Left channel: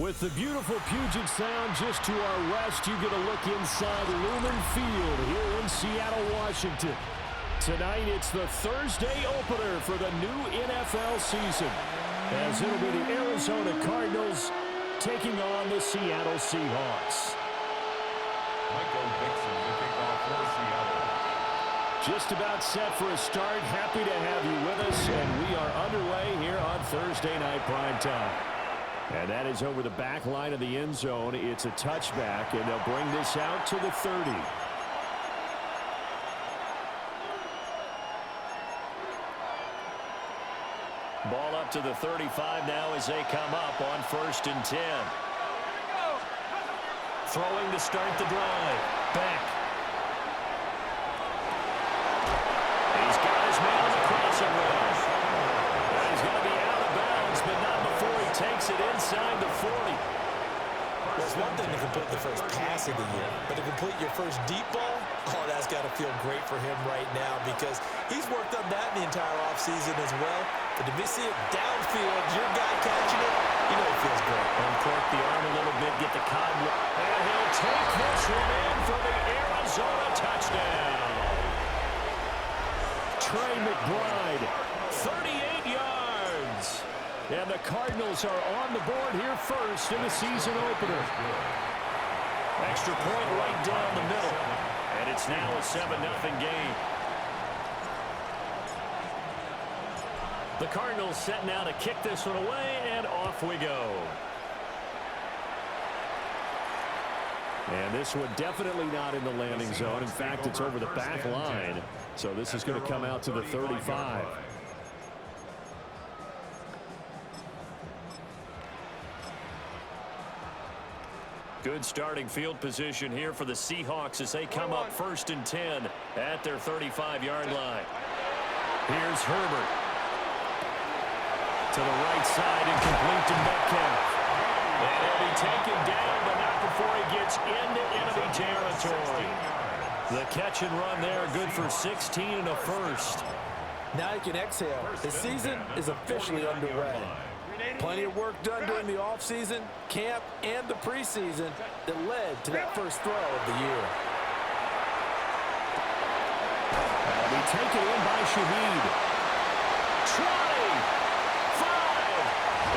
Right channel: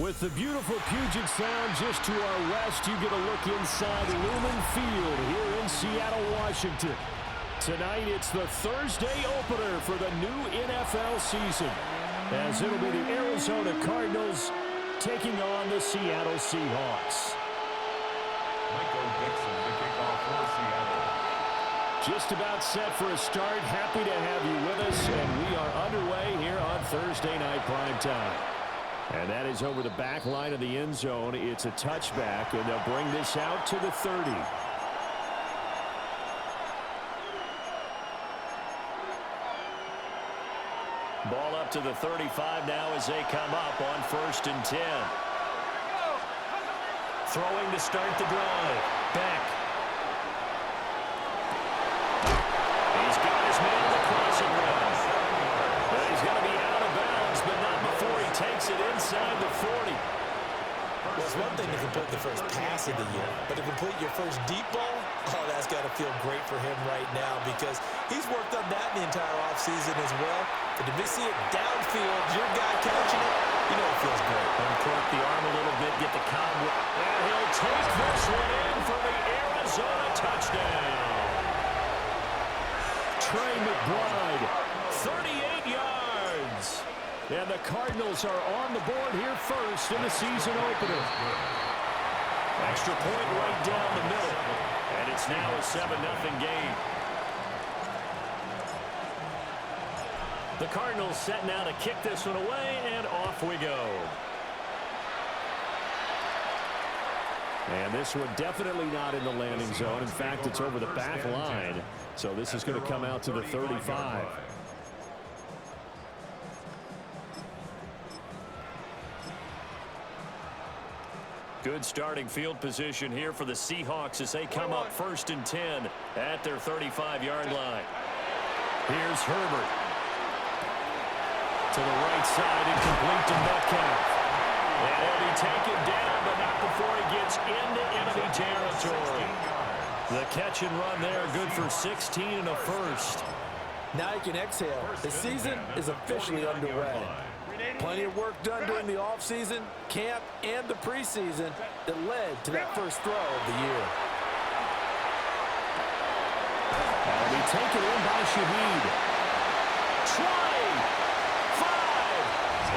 With the beautiful Puget Sound just to our west, you get a look inside Lumen Field here in Seattle, Washington. Tonight, it's the Thursday opener for the new NFL season, as it'll be the Arizona Cardinals taking on the Seattle Seahawks. Michael Dixon to kick off for Seattle. Just about set for a start. Happy to have you with us, and we are underway here on Thursday Night Primetime. And that is over the back line of the end zone. It's a touchback, and they'll bring this out to the 30. Ball up to the 35 now as they come up on 1st and 10. Throwing to start the drive. Back. He's got his man on the crossing route. And he's going to be out of bounds, but not before he takes it inside the 40. Well, it's one thing to complete the first pass of the year, but to complete your first deep ball, oh, that's got to feel great for him right now because he's worked on that the entire offseason as well. But to see it downfield, your guy catching it, you know it feels great. Uncork the arm a little bit, get the cobweb. And he'll take this one in for the Arizona touchdown. Trey McBride, 38 yards. And the Cardinals are on the board here first in the season opener. Extra point right down the middle. And it's now a 7-0 game. The Cardinals set now to kick this one away, and off we go. And this one definitely not in the landing zone. In fact, it's over the back line. So this is going to come out to the 35. Good starting field position here for the Seahawks as they come up 1st and 10 at their 35-yard line. Here's Herbert. To the right side and complete to Metcalf. And he'll be taken down, but not before he gets into enemy territory. The catch and run there, good for 16 and a first. Now you can exhale. The season is officially underway. Plenty of work done during the offseason, camp, and the preseason that led to that first throw of the year. That'll be taken in by Shaheed. 20, 5,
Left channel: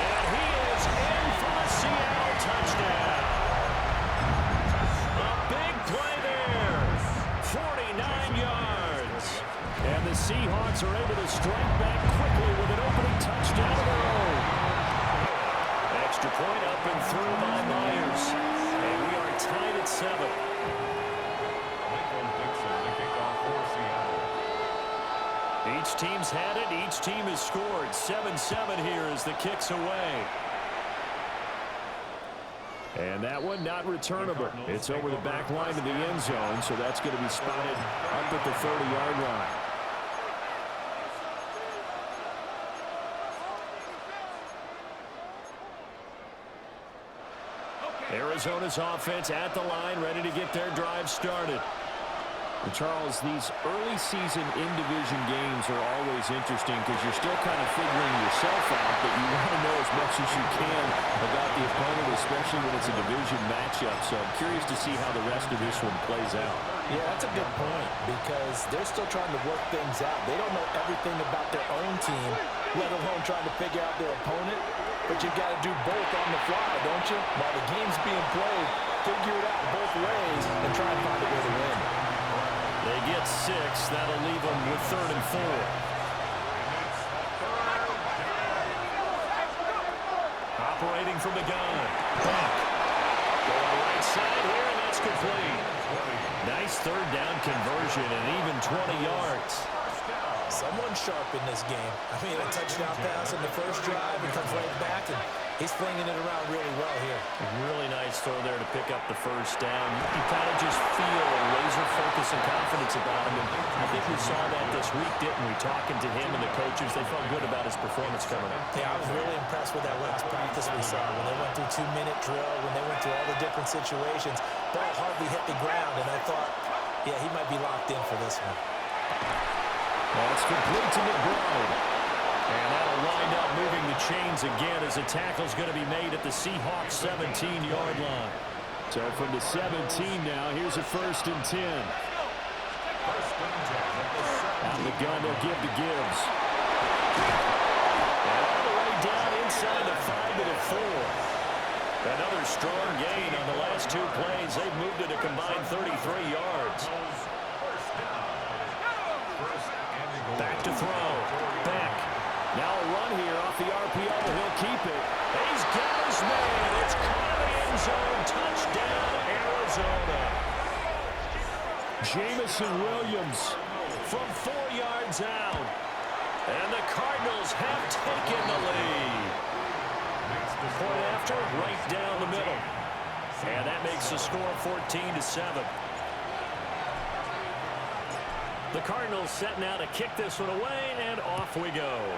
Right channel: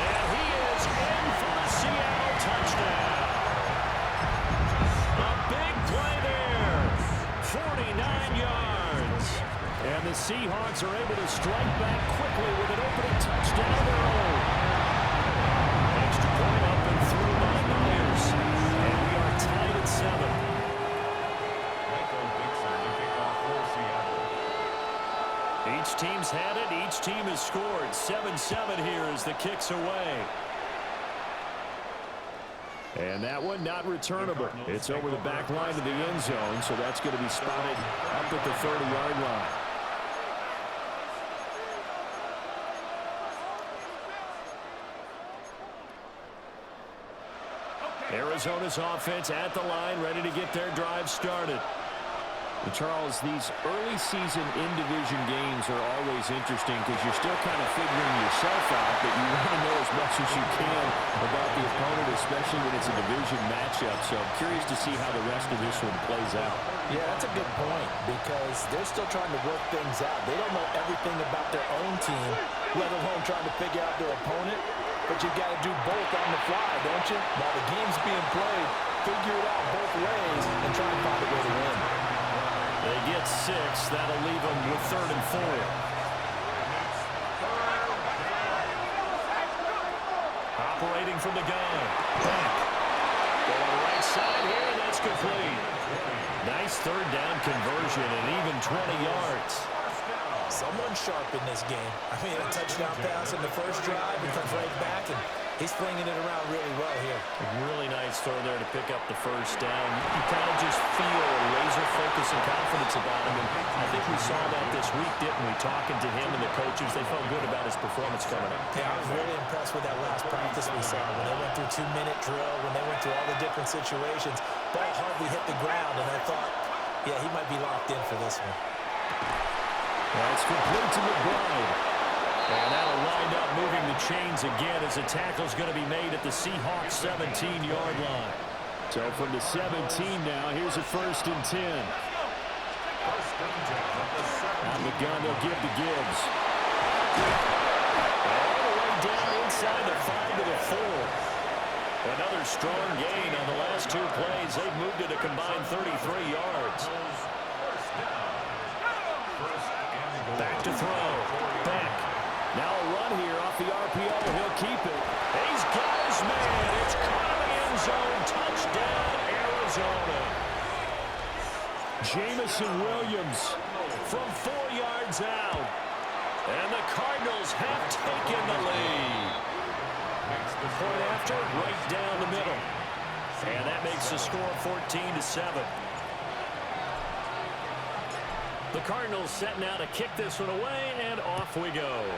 and he is in for the Seattle touchdown. A big play there, 49 yards. And the Seahawks are able to strike back quickly with an opening touchdown of their own. Extra point up and through by Myers. And we are tied at 7. Michael Dixon to kick off for Seattle. Each team's had it. Each team has scored. 7-7 here as the kick's away. And that one not returnable. It's over the back line of the end zone, so that's going to be spotted up at the 30-yard line. Arizona's offense at the line, ready to get their drive started. And Charles, these early season in-division games are always interesting because you're still kind of figuring yourself out, but you want to know as much as you can about the opponent, especially when it's a division matchup. So I'm curious to see how the rest of this one plays out. Yeah, that's a good point because they're still trying to work things out. They don't know everything about their own team, let alone trying to figure out their opponent. But you've got to do both on the fly, don't you? While the game's being played, figure it out both ways and try and find a way to win. They get 6. That'll leave them with 3rd and 4. Operating from the gun. Back. Going right side here, and that's complete. Nice 3rd down conversion and even 20 yards. Someone sharp in this game. I mean, a touchdown pass in the first drive. He comes right back, and he's flinging it around really well here. Really nice throw there to pick up the first down. You kind of just feel a laser focus and confidence about him. And I think we saw that this week, didn't we? Talking to him and the coaches, they felt good about his performance coming up. Yeah, I was really impressed with that last practice we saw. When they went through 2-minute drill, when they went through all the different situations, ball hardly hit the ground, and I thought, yeah, he might be locked in for this one. That's complete to McBride. And that'll wind up moving the chains again as the tackle's going to be made at the Seahawks 17-yard line. So from the 17 now, here's a 1st and 10. Out of the gun, they'll give to Gibbs. And all the way down inside the 5 to the 4. Another strong gain on the last 2 plays. They've moved it a combined 33 yards. Back to throw. Back. Now a run here off the RPO. He'll keep it. He's got his man. It's caught in the end zone. Touchdown, Arizona. Jamison Williams from 4 yards out. And the Cardinals have taken the lead. Point after, right down the middle. And that makes the score 14-7. The Cardinals set now to kick this one away, and off we go.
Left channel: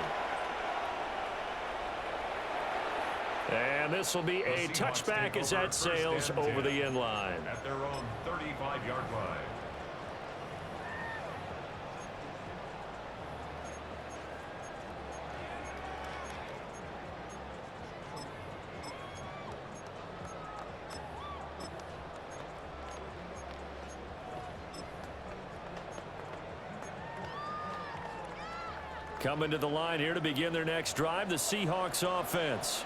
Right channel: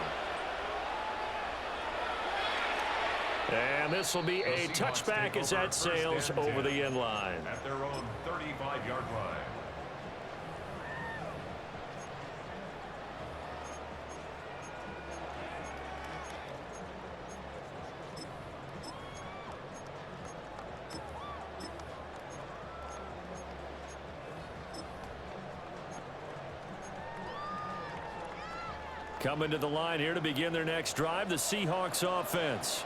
And this will be a touchback as that sails over the end line. At their own 35-yard line. Coming to the line here to begin their next drive, the Seahawks offense.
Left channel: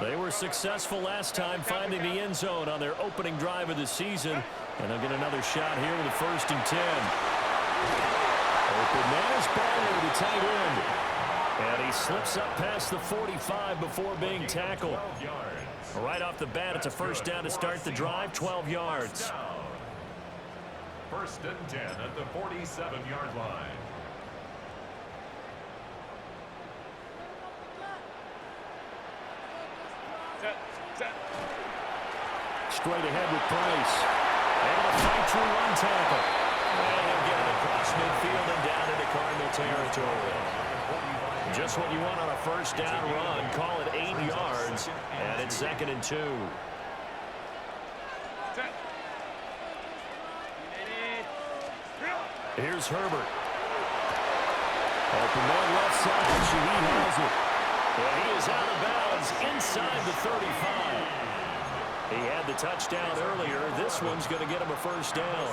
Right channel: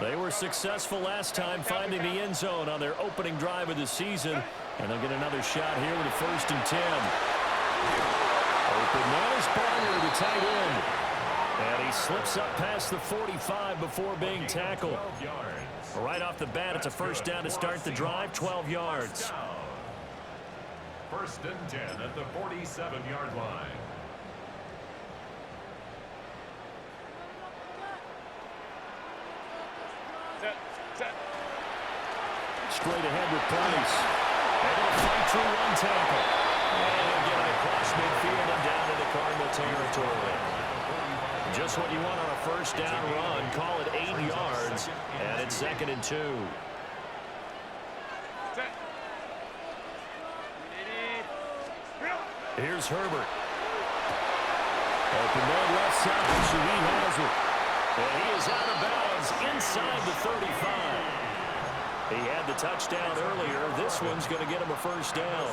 They were successful last time finding the end zone on their opening drive of the season, and they'll get another shot here with a 1st and 10. Open man is Barner, the tight end. And he slips up past the 45 before being tackled. Right off the bat, it's a 1st down to start the drive, 12 yards. 1st and 10 at the 47-yard line. Straight ahead with Price. Able to fight through 1 tackle. And he'll get it across midfield and down into Cardinal territory. Just what you want on a 1st down run. Call it 8 yards. And it's 2nd and 2. Here's Herbert. Open man left side. Shaheed has it. And he is out of bounds inside the 35. He had the touchdown earlier. This one's going to get him a 1st down.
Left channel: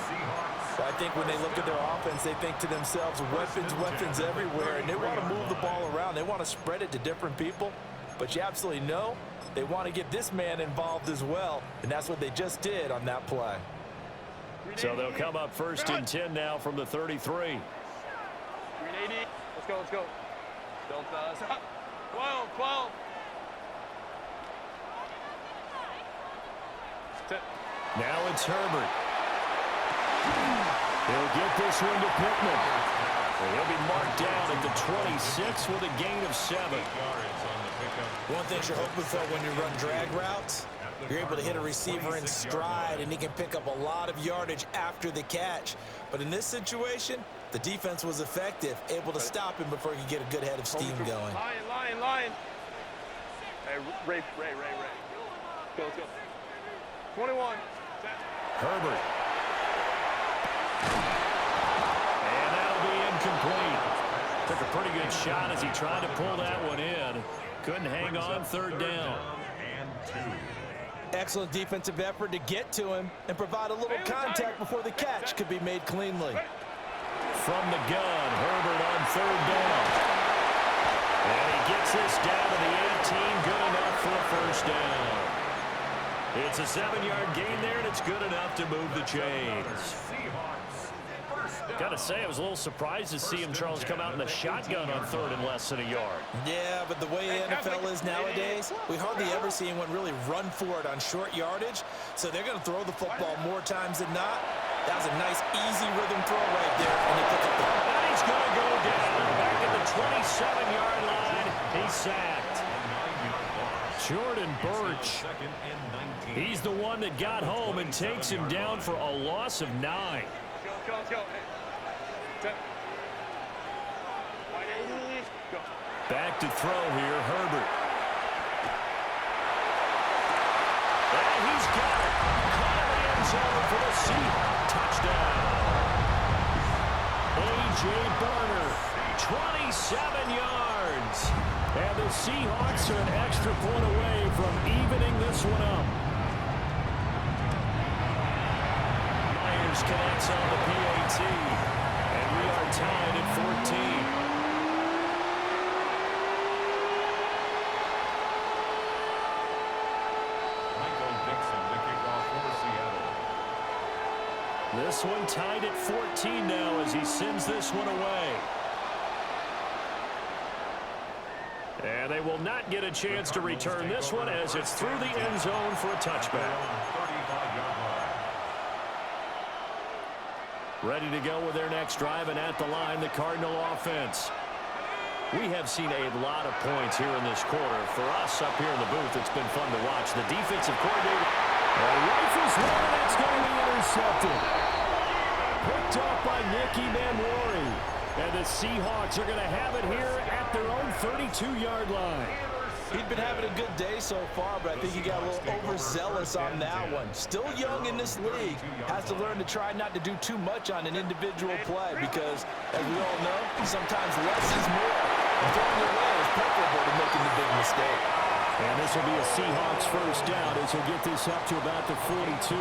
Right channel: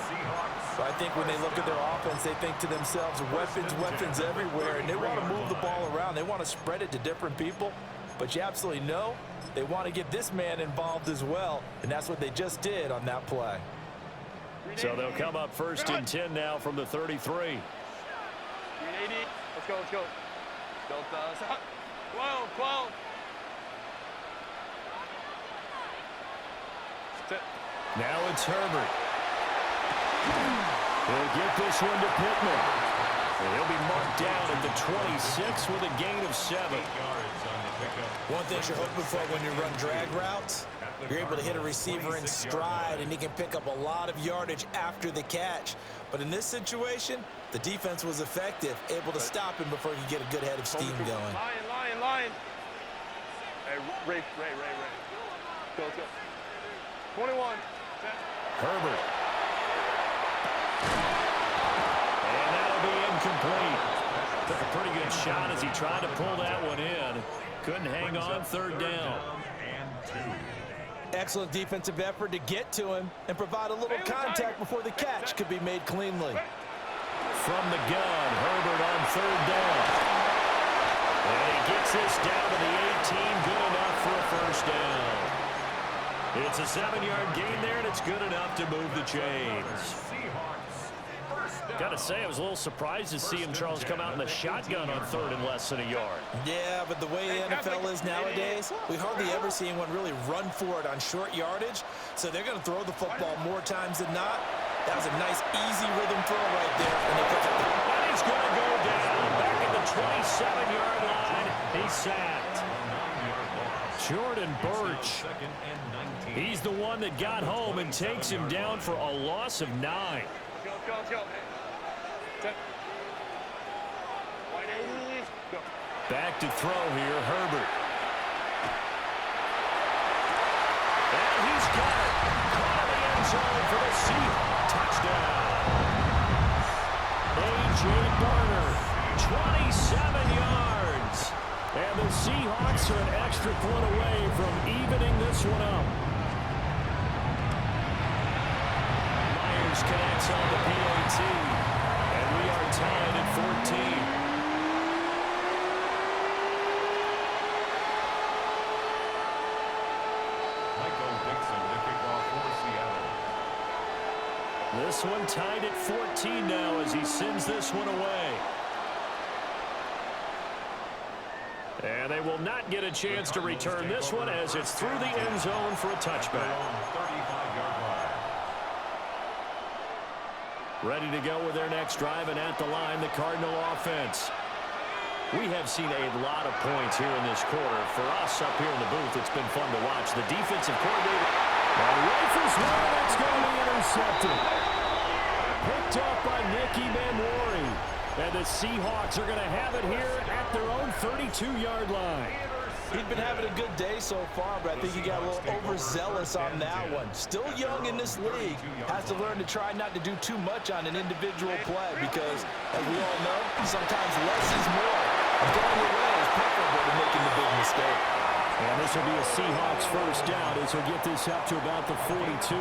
I think when they look at their offense, they think to themselves, weapons, weapons everywhere, and they want to move the ball around. They want to spread it to different people, but you absolutely know they want to get this man involved as well, and that's what they just did on that play. So they'll come up 1st and 10 now from the 33. 380. Let's go, let's go. Delta. 12, 12. Now it's Herbert. He'll get this one to Pittman. And he'll be marked down at the 26 with a gain of 7. One thing you're hoping for when you run drag routes, you're able to hit a receiver in stride, and he can pick up a lot of yardage after the catch. But in this situation, the defense was effective, able to stop him before he could get a good head of steam going. Lion. Hey, Ray. Go, let's go. 21. Herbert. And that'll be incomplete. Took a pretty good shot as he tried to pull that one in. Couldn't hang on, 3rd down. Excellent defensive effort to get to him and provide a little contact before the catch could be made cleanly. From the gun, Herbert on 3rd down. And he gets this down to the 18, good enough for a 1st down. It's a 7-yard gain there, and it's good enough to move the chains. Got to say, I was a little surprised to see him, Charles, come out in the shotgun on 3rd and less than a yard. Yeah, but the way the NFL is nowadays, we hardly ever see anyone really run for it on short yardage, so they're going to throw the football more times than not. That was a nice, easy rhythm throw right there, and he picked up the... And he's going to go down back at the 27-yard line. He's sacked. Jordan Birch. He's the one that got home and takes him down for a loss of 9. Let's go. Go. Back to throw here, Herbert. And he's got it. Caught in the end zone for the Seahawks touchdown. A.J. Barner 27 yards. And the Seahawks are an extra point away from evening this one up. Myers connects on the PAT. And we are tied at 14. This one tied at 14 now as he sends this one away. And they will not get a chance to return this one as it's through the end zone for a touchback. Ready to go with their next drive, and at the line, the Cardinal offense. We have seen a lot of points here in this quarter. For us up here in the booth, it's been fun to watch. The defensive coordinator rifles one, and that's going to be intercepted. Picked up by Nicky Manwari. And the Seahawks are going to have it here at their own 32-yard line. He'd been having a good day so far, but I think he got a little overzealous on that one. Still young in this league. Has to learn to try not to do too much on an individual play because, as we all know, sometimes less is more. And throwing away is preferable to making the big mistake. And this will be a Seahawks first down as he'll get this up to about the 42.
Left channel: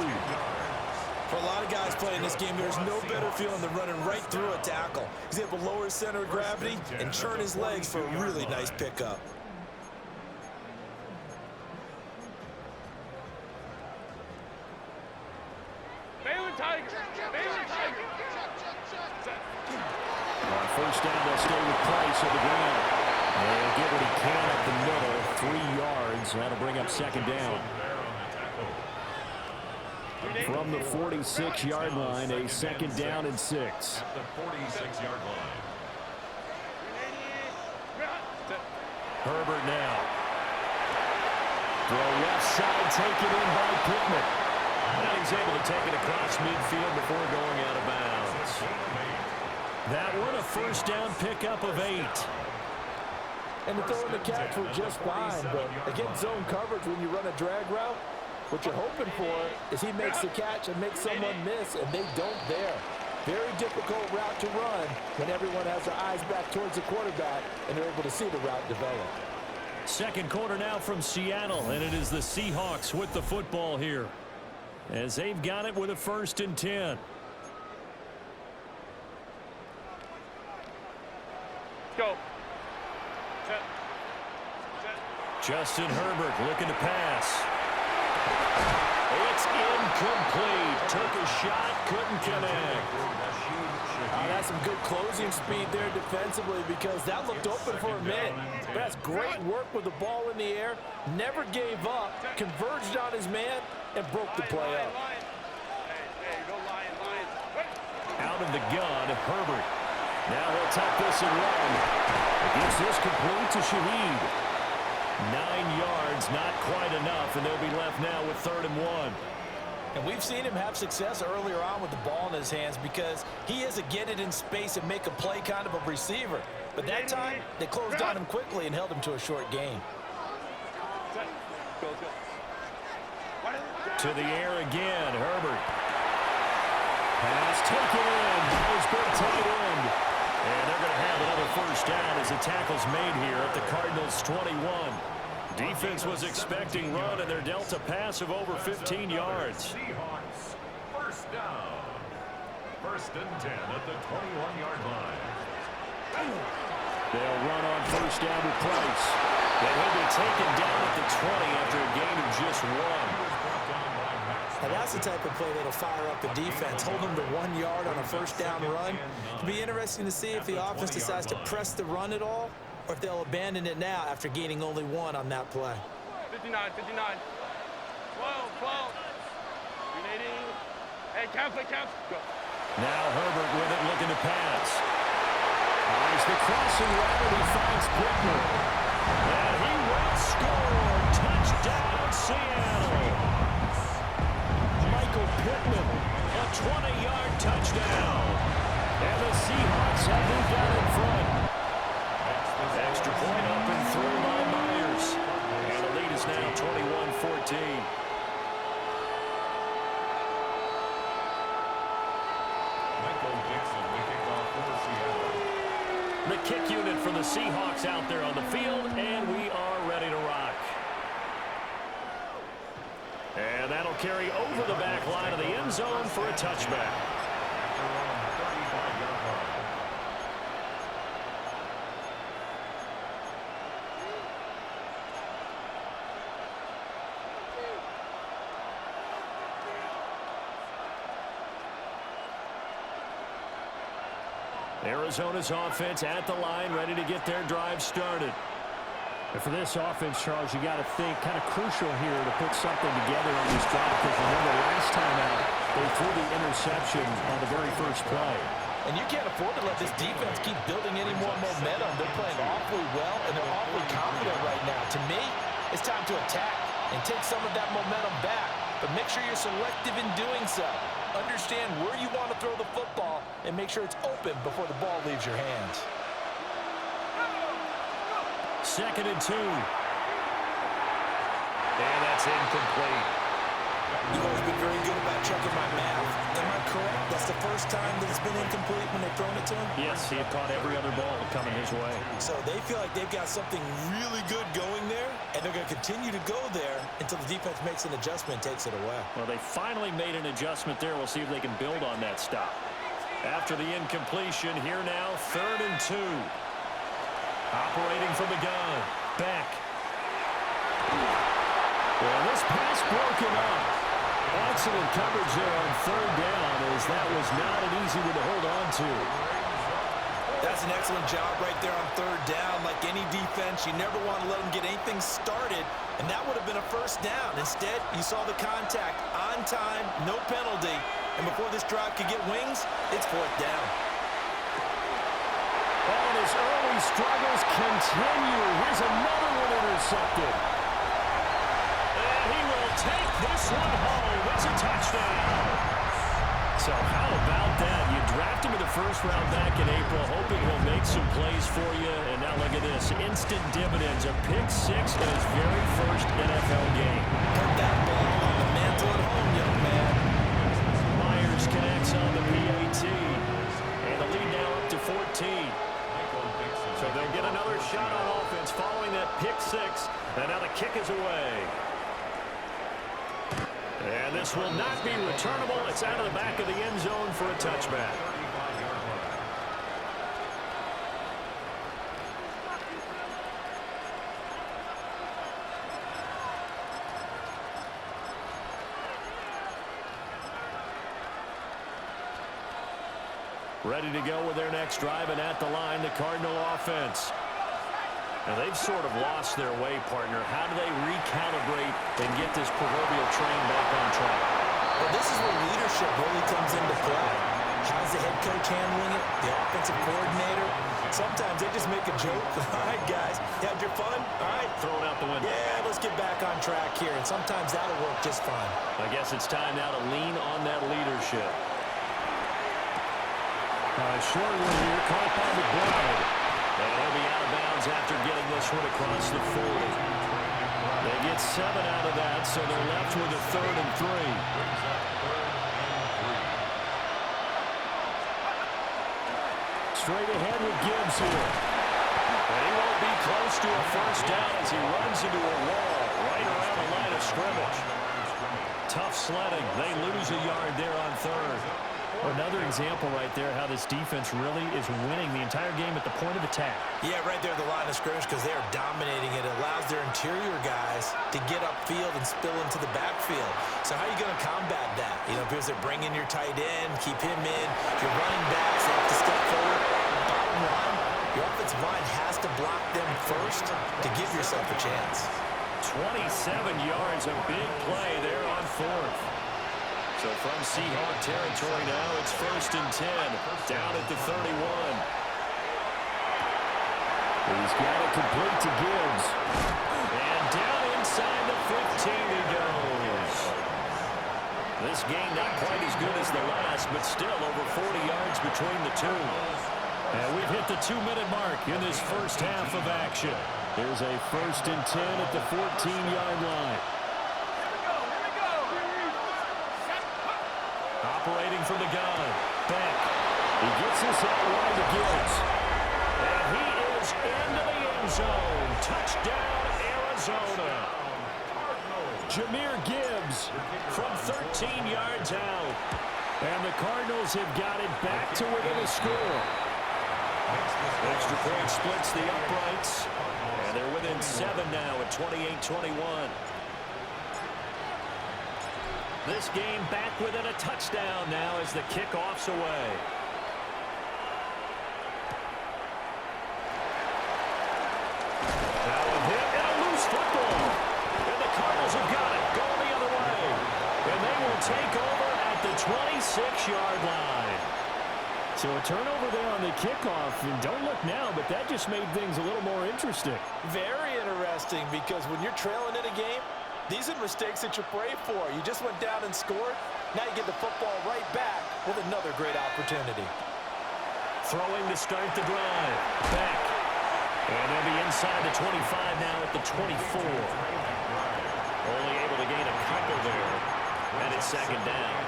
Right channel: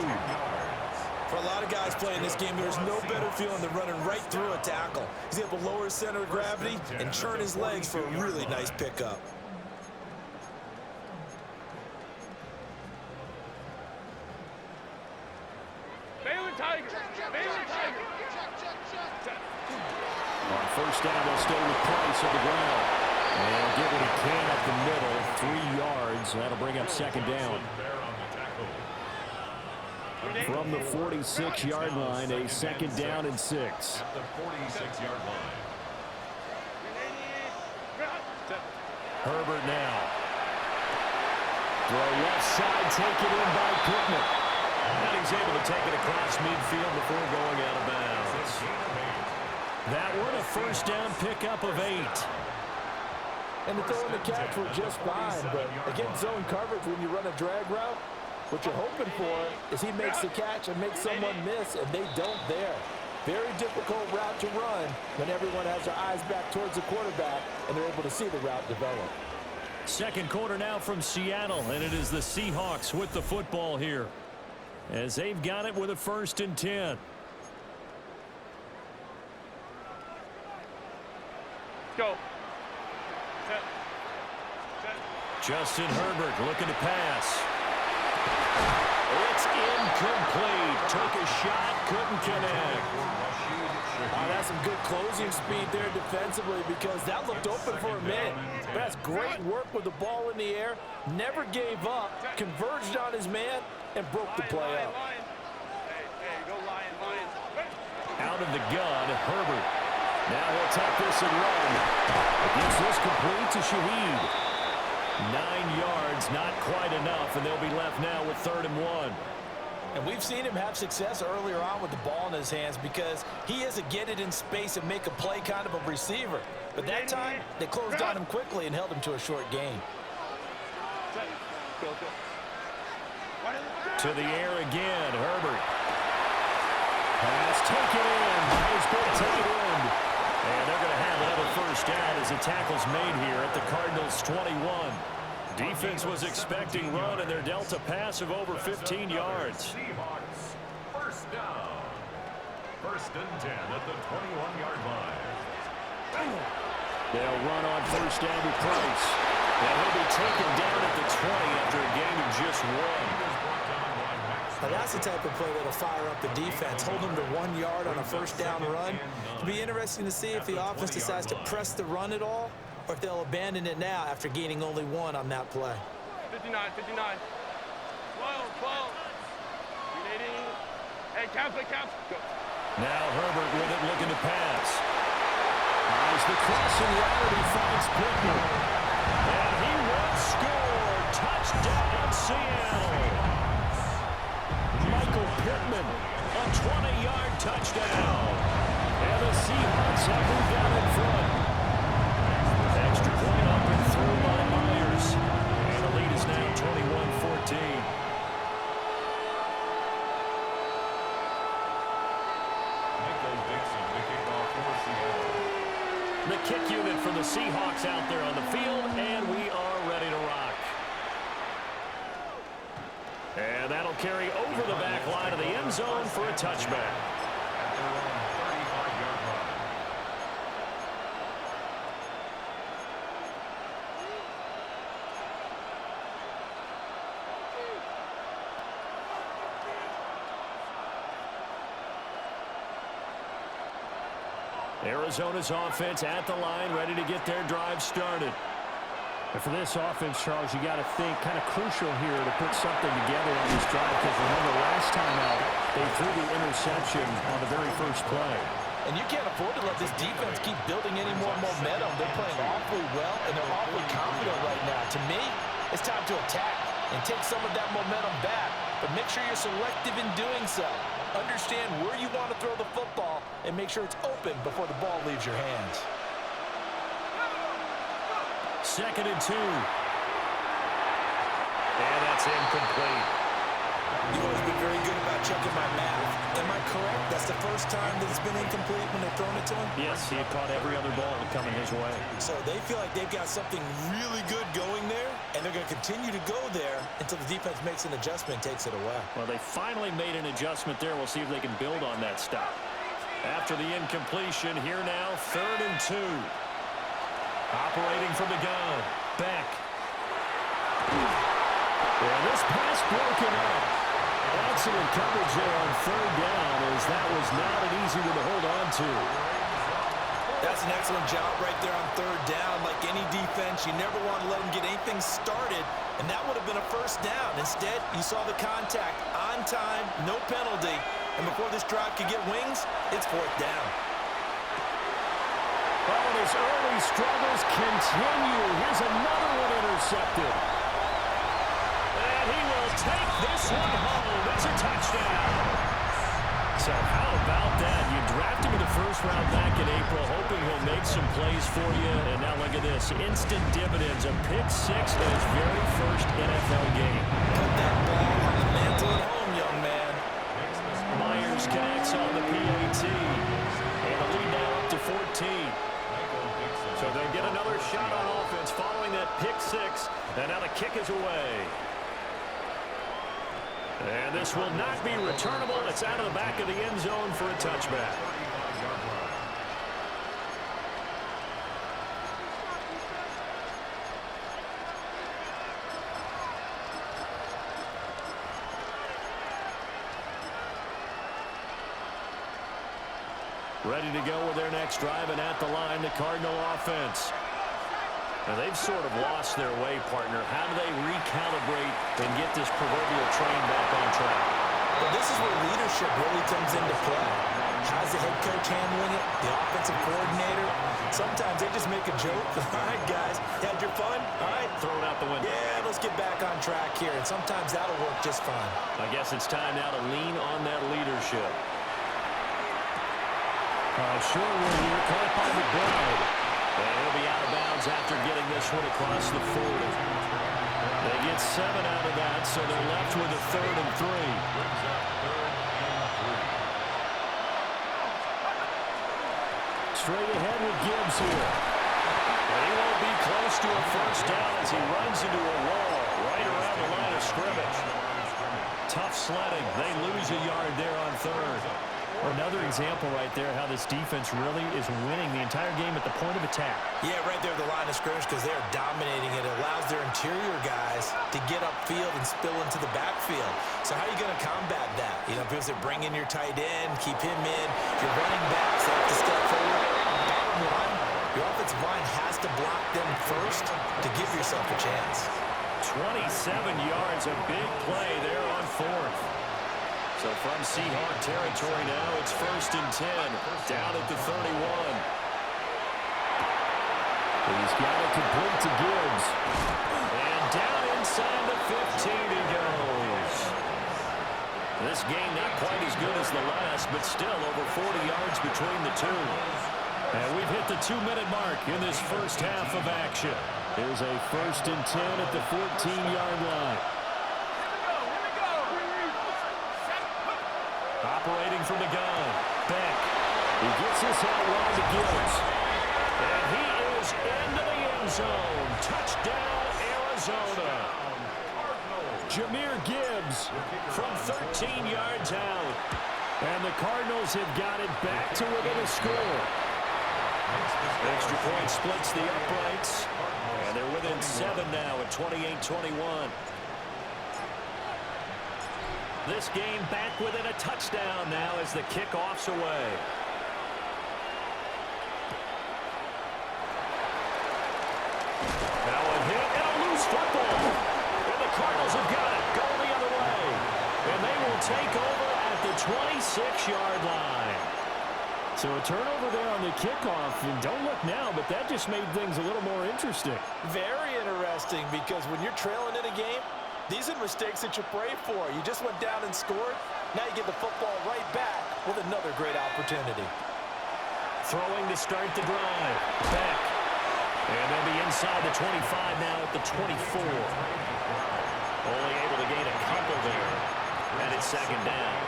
For a lot of guys playing this game, there's no better feeling than running right through a tackle. He's able to lower his center of gravity and churn his legs for a really nice pickup. On first down, they'll stay with Price on the ground. And he'll get what he can up the middle, 3 yards. That'll bring up second down. From the 46-yard line, a second down and 6. At the 46-yard line. Herbert now. Throw left side, taken in by Pittman. And he's able to take it across midfield before going out of bounds. That one a first down pickup of 8. And the throw and the catch were just fine, but against zone coverage when you run a drag route, what you're hoping for is he makes the catch and makes someone miss, and they don't there. Very difficult route to run when everyone has their eyes back towards the quarterback and they're able to see the route develop. Second quarter now from Seattle, and it is the Seahawks with the football here as they've got it with a 1st and 10. Go. Justin Herbert looking to pass. It's incomplete. Took a shot, couldn't connect. That's some good closing speed there defensively because that looked open for a minute. But that's great work with the ball in the air. Never gave up, converged on his man, and broke the play up. Hey, go Lion. Out of the gun, Herbert. Now he'll tuck this and run. Gets this complete to Shaheed. 9 yards, not quite enough, and they'll be left now with 3rd and 1. And we've seen him have success earlier on with the ball in his hands because he is a get it in space and make a play kind of a receiver. But that time, they closed on him quickly and held him to a short gain. Go. To the air again, Herbert. Pass taken in by his big tight end. And they're going to have another first down as the tackle's made here at the Cardinals' 21. Defense was expecting run, and they're dealt a pass of over 15 yards. Seahawks, first down. 1st and 10 at the 21-yard line. They'll run on first down with Price. And he'll be taken down at the 20 after a gain of just 1. Now that's the type of play that'll fire up the defense. Hold them to 1 yard on a first down run. It'll be interesting to see if the offense decides to press the run at all or if they'll abandon it now after gaining only 1 on that play. 59. 12. 380. Hey, count. Go. Now Herbert with it, looking to pass. Eyes the crossing route, and he finds Pittman. And he will score. Touchdown, Seattle. Michael Pittman, a 20-yard touchdown. And the Seahawks have moved out in front. Extra point up and through by Myers. And the lead is now 21-14. The kick unit for the Seahawks out there on the field, and we are ready to rock. And that'll carry over the back line of the end zone for a touchback. At their own 35-yard line. Arizona's offense at the line, ready to get their drive started. And for this offense, Charles, you got to think kind of crucial here to put something together on this drive, because remember last time out, they threw the interception on the very first play. And you can't afford to let this defense keep building any more momentum. They're playing awfully well, and they're awfully confident right now. To me, it's time to attack and take some of that momentum back. But make sure you're selective in doing so. Understand where you want to throw the football and make sure it's open before the ball leaves your hands. 2nd and 2. And that's incomplete. You've always been very good about checking my math. Am I correct? That's the first time that it's been incomplete when they've thrown it to him? Yes, he had caught every other ball coming his way. So they feel like they've got something really good going there, and they're going to continue to go there until the defense makes an adjustment and takes it away. Well, they finally made an adjustment there. We'll see if they can build on that stop. After the incompletion, here now, 3rd and 2. Operating from the gun. Beck. And this pass broken up. Excellent coverage there on 3rd down, as that was not an easy one to hold on to. That's an excellent job right there on 3rd down. Like any defense, you never want to let them get anything started, and that would have been a 1st down. Instead, you saw the contact on time, no penalty, and before this drive could get wings, it's 4th down. Oh, and his early struggles continue. Here's another one intercepted. And he will take this one home. It's a touchdown. So how about that? You draft him in the 1st round back in April, hoping he'll make some plays for you. And now look at this. Instant dividends. A pick 6 in his very first NFL game. Put that ball on the mantle at home, young man. Myers connects on the PAT. And the lead now up to 14. So they'll get another shot on offense following that pick 6. And now the kick is away. And this will not be returnable. It's out of the back of the end zone for a touchback. 35-yard line. Ready to go with their next drive, and at the line, the Cardinal offense. Now, they've sort of lost their way, partner. How do they recalibrate and get this proverbial train back on track? Well, this is where leadership really comes into play. How's the head coach handling it? The offensive coordinator? Sometimes they just make a joke. All right, guys, you had your fun? All right. Throw it out the window. Yeah, let's get back on track here. And sometimes that'll work just fine. I guess it's time now to lean on that leadership. Short one here, caught by McBride. And he'll be out of bounds after getting this one across the 40. They get 7 out of that, so they're left with a 3rd and 3. Straight ahead with Gibbs here. And he won't be close to a 1st down as he runs into a wall right around the line of scrimmage. Tough sledding. They lose a yard there on 3rd. Another example right there how this defense really is winning the entire game at the point of attack. Yeah, right there at the line of scrimmage, because they are dominating it. It allows their interior guys to get upfield and spill into the backfield. So how are you going to combat that? You know, because they're bringing your tight end, keep him in. Your running backs, they have to step forward. Bottom line, your offensive line has to block them first to give yourself a chance. 27 yards, a big play there on 4th. So from Seahawk territory now, it's 1st and 10, down at the 31. He's got it complete to Gibbs. And down inside the 15 he goes. This game not quite as good as the last, but still over 40 yards between the two. And we've hit the 2-minute mark in this first half of action. Here's a 1st and 10 at the 14-yard line. Operating from the gun. Beck. He gets this out wide to Gibbs. And is into the end zone. Touchdown, Arizona. Jahmyr Gibbs from 13 yards out. And the Cardinals have got it back to within a score. Extra point splits the uprights. And they're within 7 now at 28-21. This game back within a touchdown now as the kickoff's away. Now a hit and a loose football. And the Cardinals have got it going the other way. And they will take over at the 26-yard line. So a turnover there on the kickoff. And don't look now, but that just made things a little more interesting. Very interesting, because when you're trailing in a game, these are mistakes that you pray for. You just went down and scored. Now you get the football right back with another great opportunity. Throwing to start the drive. Beck. And they'll be inside the 25 now at the 24. Only able to gain a couple there. And it's second down.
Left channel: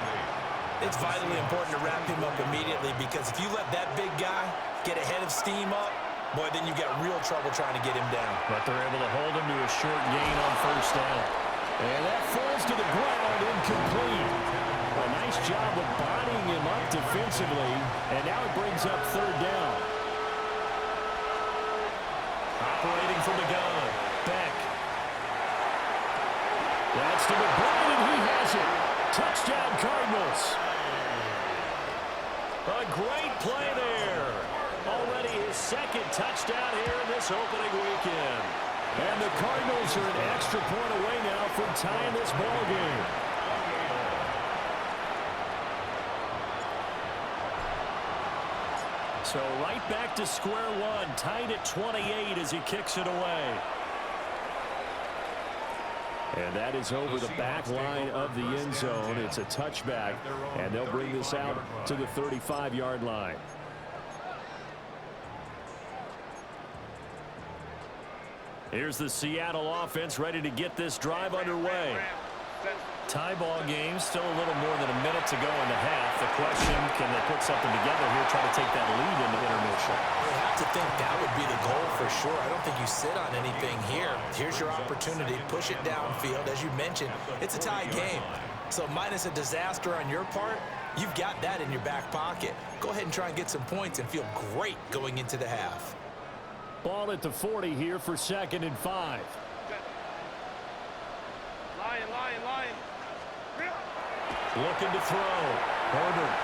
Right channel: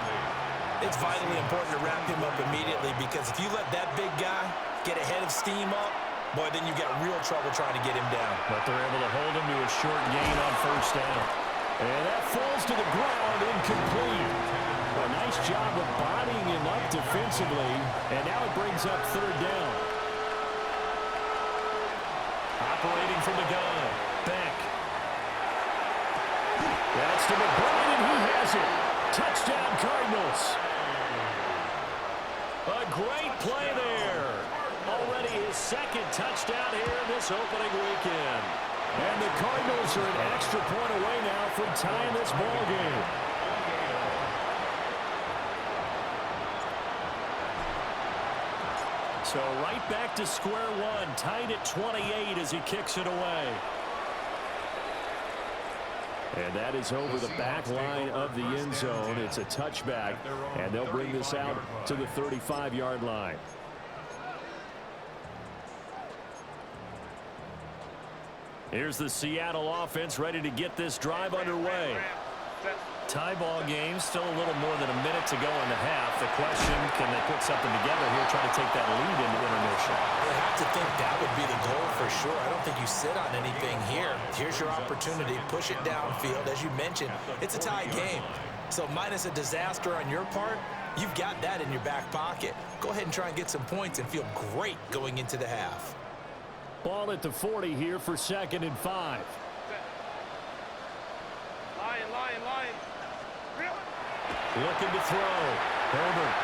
It's vitally important to wrap him up immediately, because if you let that big guy get ahead of steam up, boy, then you've got real trouble trying to get him down. But they're able to hold him to a short gain on first down. And that falls to the ground, incomplete. A nice job of bodying him up defensively. And now it brings up third down. Operating from the gun. Beck. That's to McBride, and he has it. Touchdown, Cardinals. A great play there. Already his second touchdown here in this opening weekend. And the Cardinals are an extra point away now from tying this ball game. So right back to square one, tied at 28 as he kicks it away. And that is over the back line of the end zone. It's a touchback, and they'll bring this out to the 35-yard line. Here's the Seattle offense ready to get this drive underway. Tie ball game, still a little more than a minute to go in the half. The question, can they put something together here, try to take that lead into intermission? I would have to think that would be the goal for sure. I don't think you sit on anything here. Here's your opportunity. Push it downfield. As you mentioned, it's a tie game. So minus a disaster on your part, you've got that in your back pocket. Go ahead and try and get some points and feel great going into the half. Ball at the 40 here for 2nd and 5. Lion. Looking to throw. Herbert.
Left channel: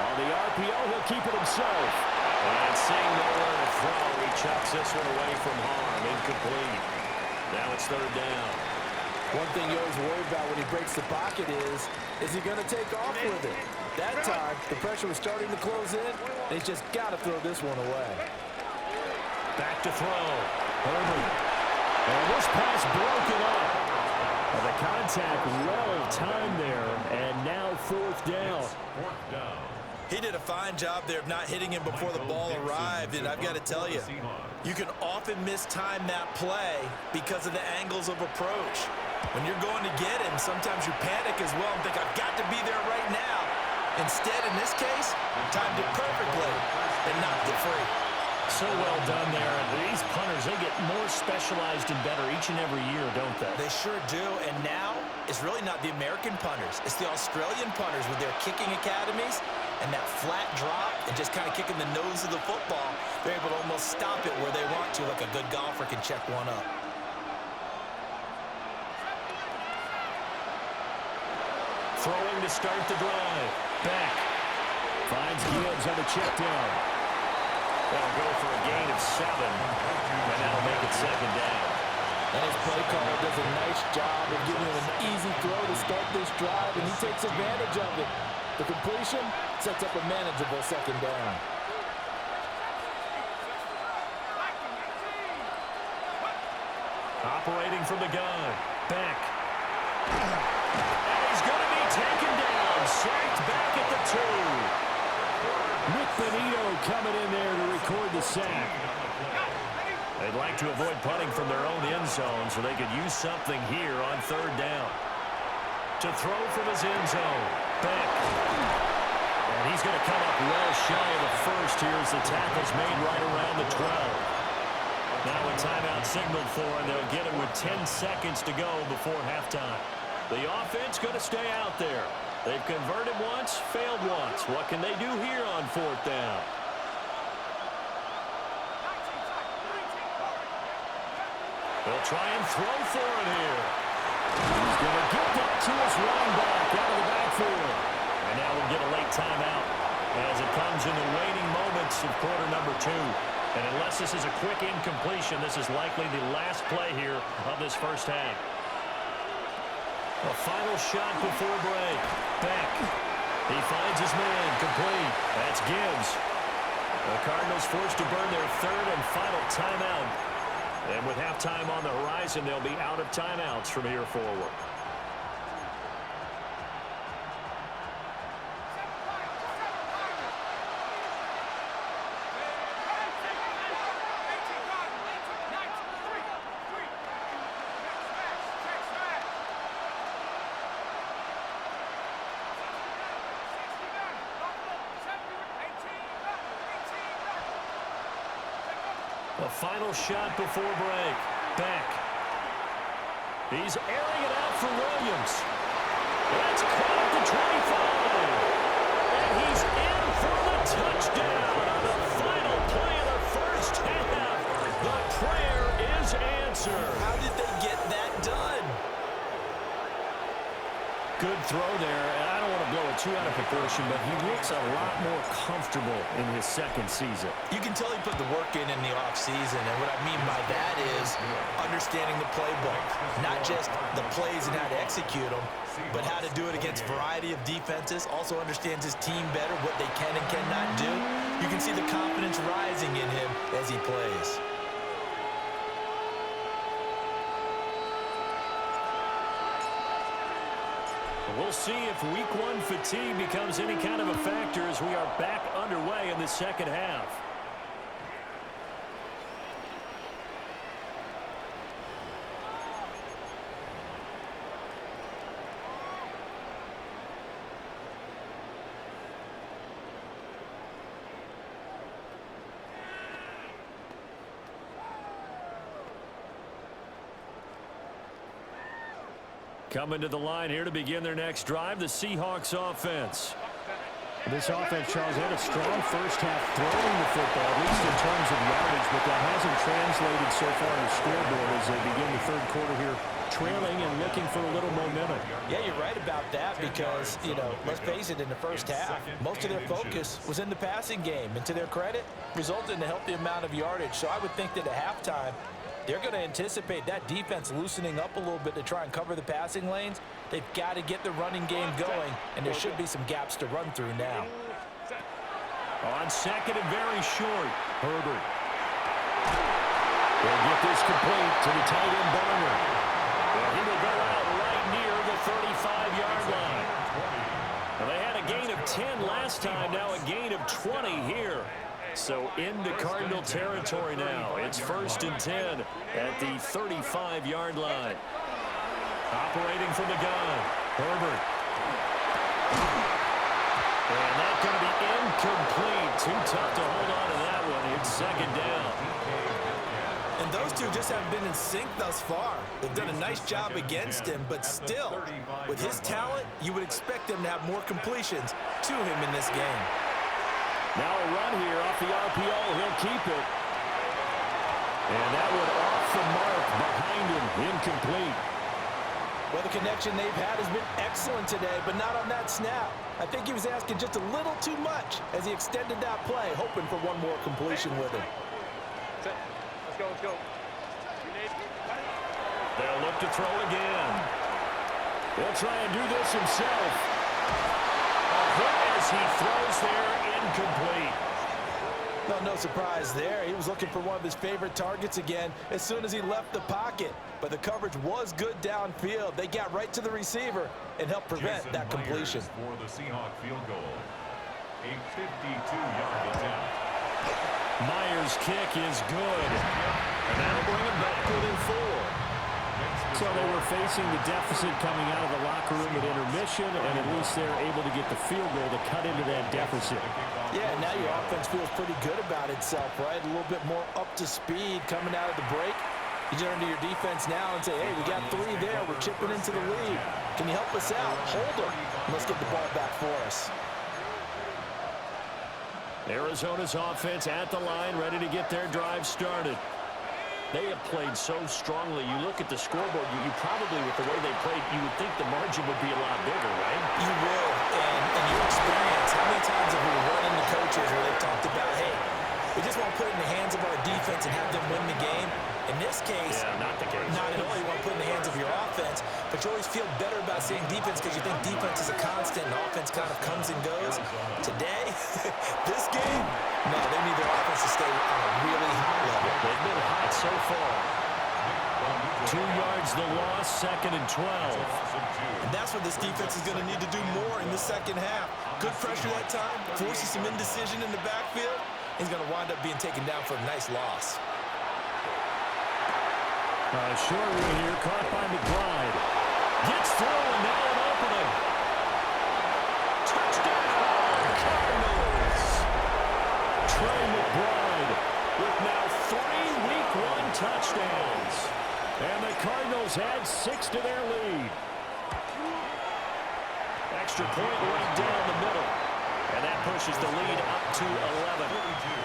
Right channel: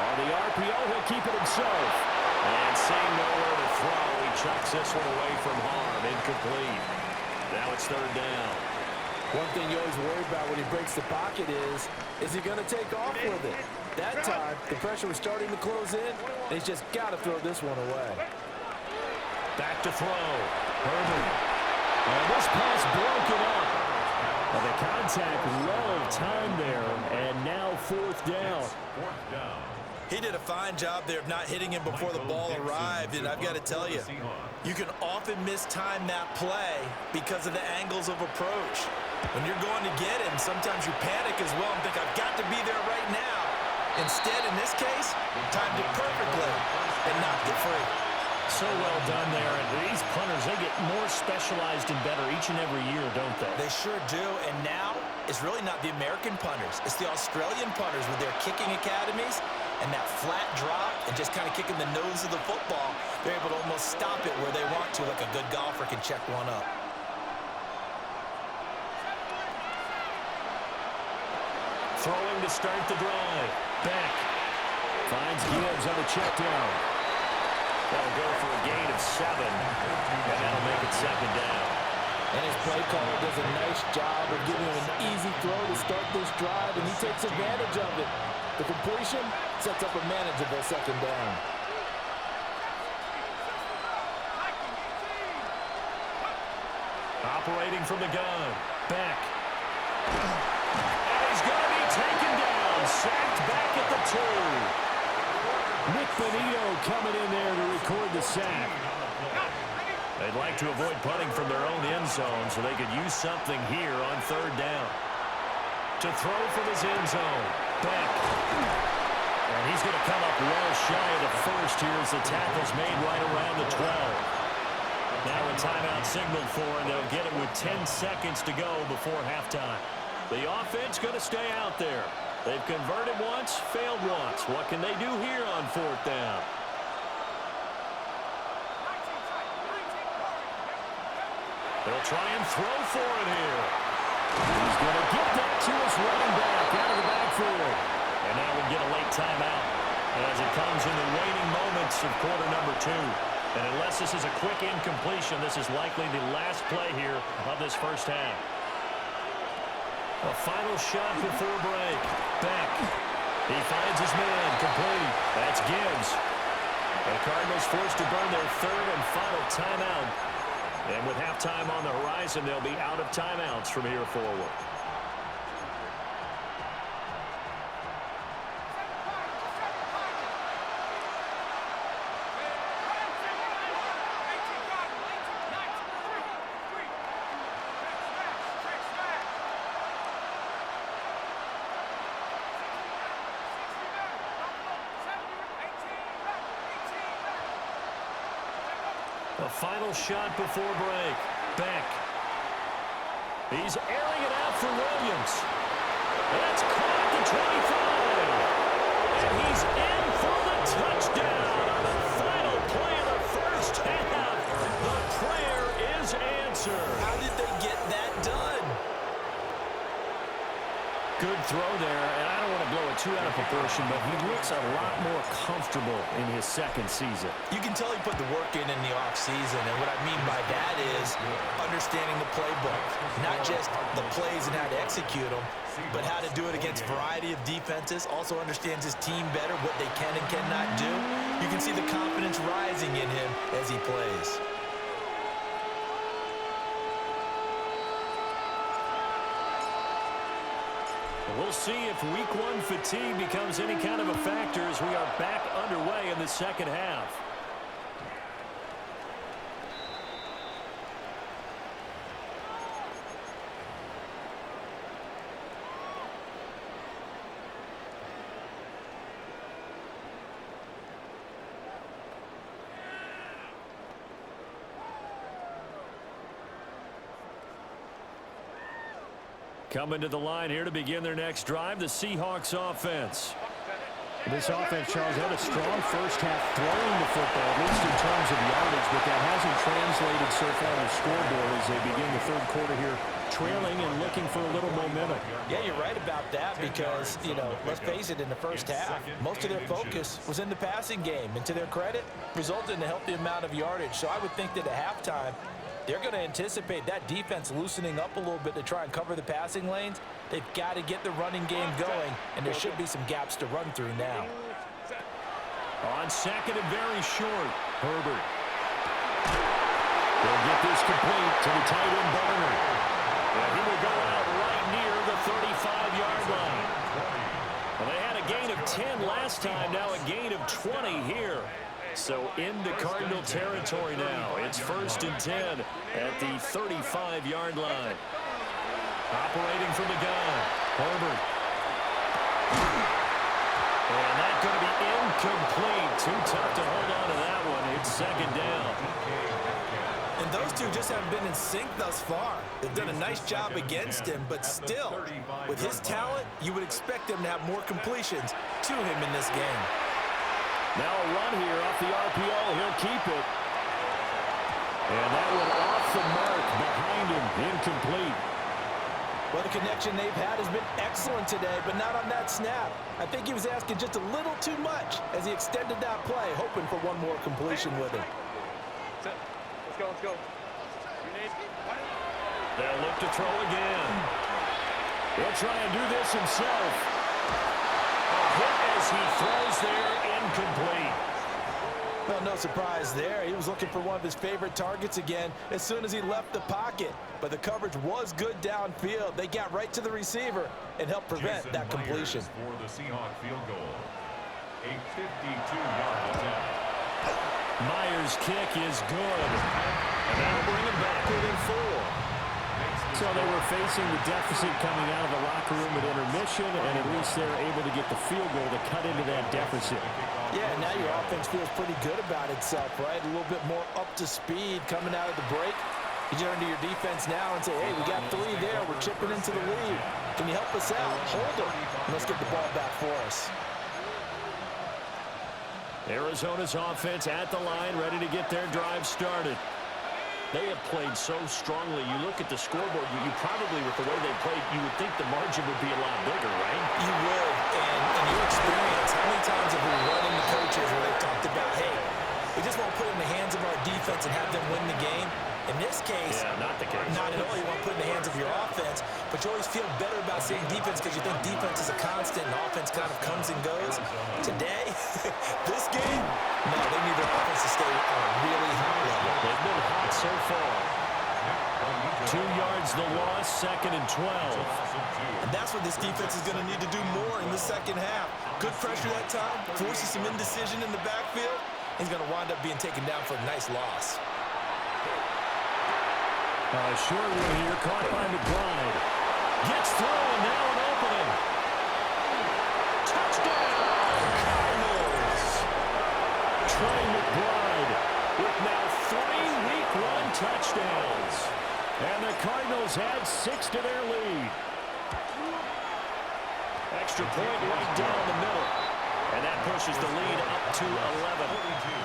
On the RPO, he'll keep it himself. And seeing nowhere to throw, he chucks this one away from harm. Incomplete. Now it's third down. One thing you always worry about when he breaks the pocket is he going to take off with it? That time, the pressure was starting to close in, and he's just got to throw this one away. Back to throw. Herbert. And this pass broken up. And the contact well timed there, and now 4th down. He did a fine job there of not hitting him before the ball arrived, and I've got to tell you, you can often mistime that play because of the angles of approach. When you're going to get him, sometimes you panic as well and think, I've got to be there right now. Instead, in this case, timed it perfectly and knocked it free. So well done there. And these punters, they get more specialized and better each and every year, don't they? They sure do. And now it's really not the American punters. It's the Australian punters with their kicking academies and that flat drop and just kind of kicking the nose of the football. They're able to almost stop it where they want to, like a good golfer can check one up. Throwing to start the drive. Beck finds Gibbs on the check down. That'll go for a gain of 7, and that'll make it second down. And his play caller does a nice job of giving him an easy throw to start this drive, and he takes advantage of it. The completion sets up a manageable second down. Operating from the gun. Beck. And he's going to be taken down. Sacked back at the 2. Nick Benito coming in there to record the sack. They'd like to avoid punting from their own end zone so they could use something here on third down. To throw from his end zone. Beck. And he's going to come up well shy of the first here as the tackle's made right around the 12. Now a timeout signaled for, and they'll get it with 10 seconds to go before halftime. The offense going to stay out there. They've converted once, failed once. What can they do here on 4th down? They'll try and throw for it here. He's going to get that to his running back out of the backfield. And now we'll get a late timeout as it comes in the waning moments of quarter number 2. And unless this is a quick incompletion, this is likely the last play here of this first half. A final shot before break. Beck. He finds his man. Complete. That's Gibbs. The Cardinals forced to burn their 3rd and final timeout. And with halftime on the horizon, they'll be out of timeouts from here forward. A final shot before break. Beck. He's airing it out for Williams. That's caught at the 25. And he's in for the touchdown on the final play of the first half. The prayer is answered. How did they get that done? Good throw there, and I don't want to blow it too out of proportion, but he looks a lot more comfortable in his 2nd season. You can tell he put the work in the offseason, and what I mean by that is understanding the playbook. Not just the plays and how to execute them, but how to do it against a variety of defenses. Also understands his team better, what they can and cannot do. You can see the confidence rising in him as he plays. We'll see if week 1 fatigue becomes any kind of a factor as we are back underway in the second half. Coming to the line here to begin their next drive, the Seahawks offense. This offense, Charles, had a strong first half throwing the football, at least in terms of yardage, but that hasn't translated so far on the scoreboard as they begin the 3rd quarter here, trailing and looking for a little momentum. Yeah, you're right about that because, let's face it, in the first half, most of their focus was in the passing game. And to their credit, resulted in a healthy amount of yardage. So I would think that at halftime, they're going to anticipate that defense loosening up a little bit to try and cover the passing lanes. They've got to get the running game going, and there should be some gaps to run through now. On 2nd and very short, Herbert. They'll get this complete to the tight end Barner. And he will go out right near the 35-yard line. Well, they had a gain of 10 last time, now a gain of 20 here. So into Cardinal territory now. It's 1st and 10 at the 35-yard line. Operating from the gun, Herbert. And that's going to be incomplete. Too tough to hold on to that one. It's 2nd down. And those two just haven't been in sync thus far. They've done a nice job against him, but still, with his talent, you would expect him to have more completions to him in this game. Now a run here off the RPO. He'll keep it. And that one off the mark behind him. Incomplete. Well, the connection they've had has been excellent today, but not on that snap. I think he was asking just a little too much as he extended that play, hoping for one more completion with him. Let's go, let's go. They'll look to throw again. He'll try and do this himself. A hit as he throws there, incomplete. Well, no surprise there. He was looking for one of his favorite targets again as soon as he left the pocket. But the coverage was good downfield. They got right to the receiver and helped prevent that completion. For the Seahawks field goal. A 52-yard attempt. Myers' kick is good. And that'll bring him back within 4. So they were facing the deficit coming out of the locker room at intermission, and at least they're able to get the field goal to cut into that deficit. Yeah, now your offense feels pretty good about itself, right? A little bit more up to speed coming out of the break. You turn to your defense now and say, hey, we got 3 there. We're chipping into the lead. Can you help us out? Hold them. And let's get the ball back for us. Arizona's offense at the line, ready to get their drive started. They have played so strongly. You look at the scoreboard, you probably, with the way they played, you would think the margin would be a lot bigger, right? You would. And in your experience, how many times have we run into coaches where they've talked about, hey, we just want to put it in the hands of our defense and have them win the game? In this case, yeah, not the case. Not at all. You want to put it in the hands of your offense, but you always feel better about seeing defense because you think defense is a constant and offense kind of comes and goes. Today, this game, no, they need their offense to stay on a really hot level. They've been hot so far. 2 yards the loss, 2nd and 12. And that's what this defense is going to need to do more in the second half. Good pressure that time, forces some indecision in the backfield. He's going to wind up being taken down for a nice loss. Short one here, caught by McBride. Gets through, and now an opening. Touchdown, Cardinals! Trey McBride with now 3 Week 1 touchdowns. And the Cardinals add 6 to their lead. Extra point right down the middle. And that pushes the lead up to 11. 42.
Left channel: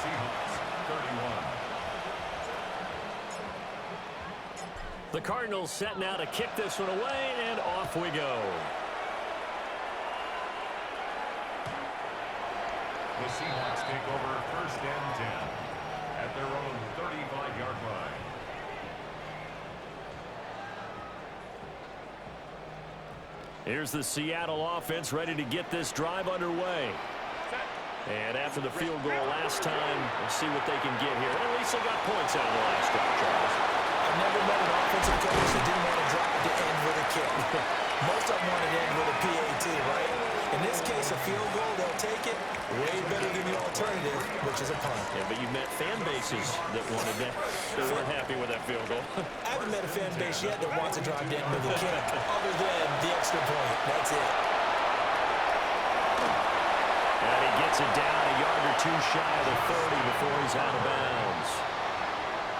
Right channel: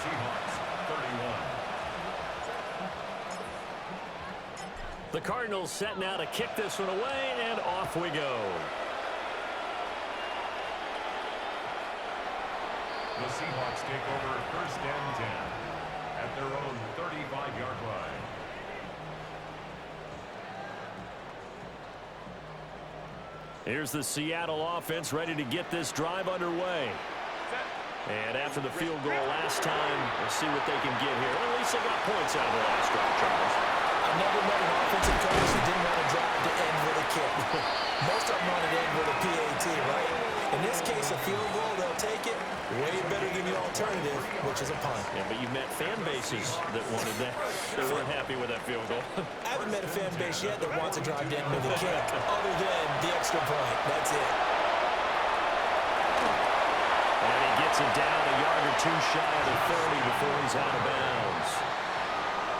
Seahawks, 31. The Cardinals set now to kick this one away, and off we go. The Seahawks take over 1st and 10 at their own 35-yard line. Here's the Seattle offense ready to get this drive underway. And after the field goal last time, we'll see what they can get here. At least they got points out of the last drive, Charles. I never met an offensive coach that didn't want to drive to end with a kick. Most of them want to end with a PAT, right? In this case, a field goal, they'll take it. Way better than the alternative, which is a punt. Yeah, but you met fan bases that wanted that. They weren't happy with that field goal. I haven't met a fan base yet that wants to drive to end with a kick, other than the extra point. That's it. And he gets it down a yard or 2 shy of the 30 before he's out of bounds.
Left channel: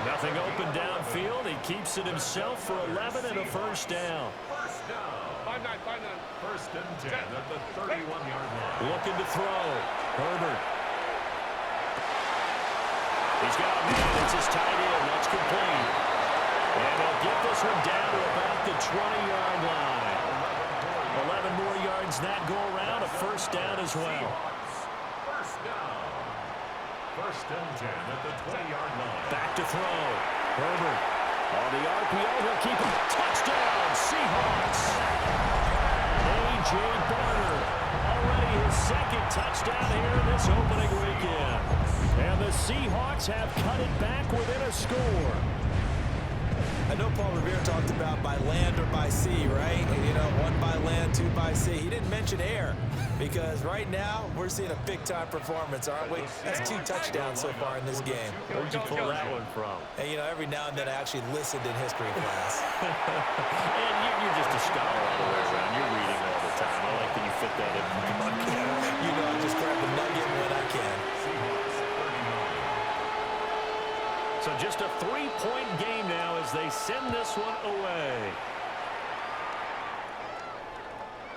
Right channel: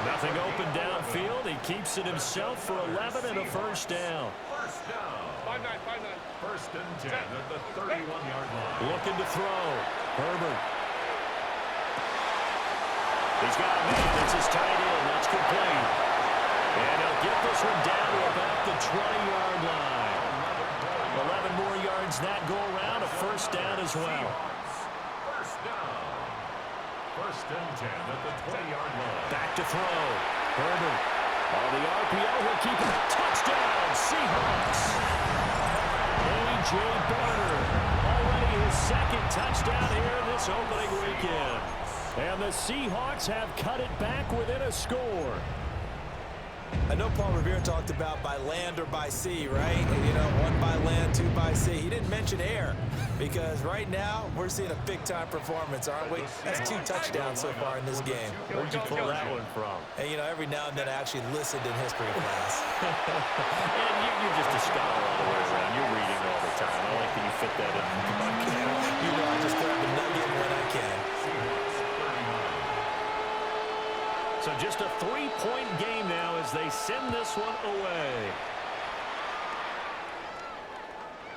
Nothing open downfield. He keeps it himself for 11 and a first down. First down. 5-9, 5-9. 1st and 10 at the 31-yard line. Looking to throw. Herbert. He's got a man. It's his tight end. That's complete. And he'll get this one down to about the 20-yard line. 11 more yards that go around. A first down as well. First down. 1st and 10 at the 20-yard line. Back to throw. Herbert. On the RPO, he'll keep it. Touchdown, Seahawks. A.J. Barner. Already his 2nd touchdown here in this opening weekend. And the Seahawks have cut it back within a score. I know Paul Revere talked about by land or by sea, right? And, you know, 1 by land, 2 by sea. He didn't mention air because right now we're seeing a big-time performance, aren't we? That's 2 touchdowns so far in this game. Where'd you pull that one from? And, you know, every now and then I actually listened in history class. And you're just a scholar all the way around. You're reading all the time. I like that you fit that in the podcast. You know, I just grab a nugget when I can. Seahawks, 39. So just a 3-point game now as they send this one away.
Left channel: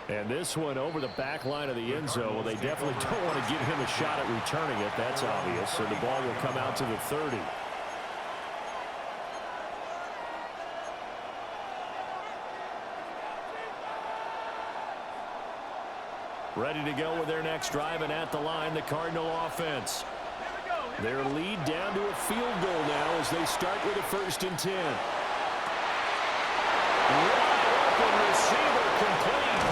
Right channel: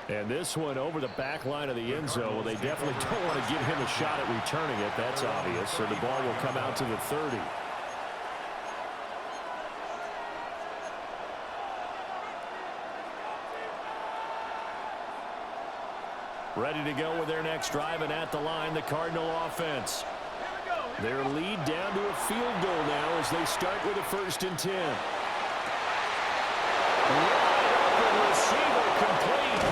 And this one over the back line of the end zone. Well, they definitely don't want to give him a shot at returning it. That's obvious. So the ball will come out to the 30. Ready to go with their next drive, and at the line, the Cardinal offense. Their lead down to a field goal now as they start with a 1st and 10. Wide open receiver complete.